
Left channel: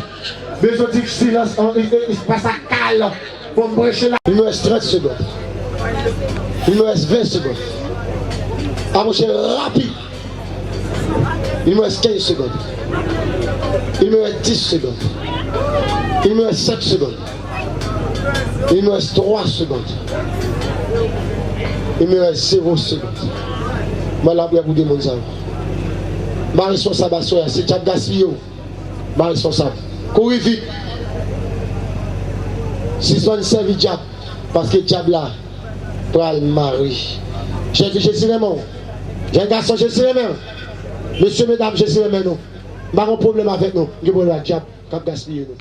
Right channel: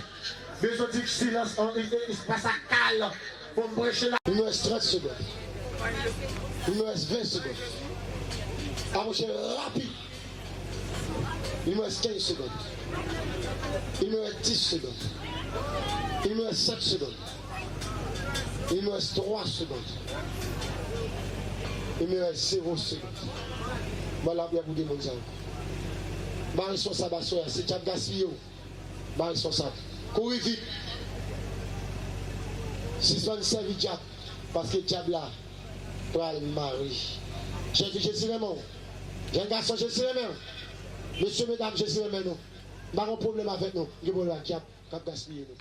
Besoin de silence, il se passe à calme. Pour me brécher là. Il me reste 30 secondes. Il me reste 20 secondes. Approchez rapide. Il me reste 15 secondes. Il me reste 10 secondes. Il me reste 7 secondes. Il me reste 3 secondes. Il me reste 0 secondes. Je vais vous demander ça. Ma responsable, c'est Tchad Gaspillé. Ma responsable. Courez vite. Si son servi Diable, parce que Diable là, pour le mari. J'ai dit, je suis les mains. J'ai un garçon, je suis les mains. Messieurs, mesdames, je suis les mains. Nous n'avons pas de problème avec nous. Nous avons le Diable, qui a gaspillé nous.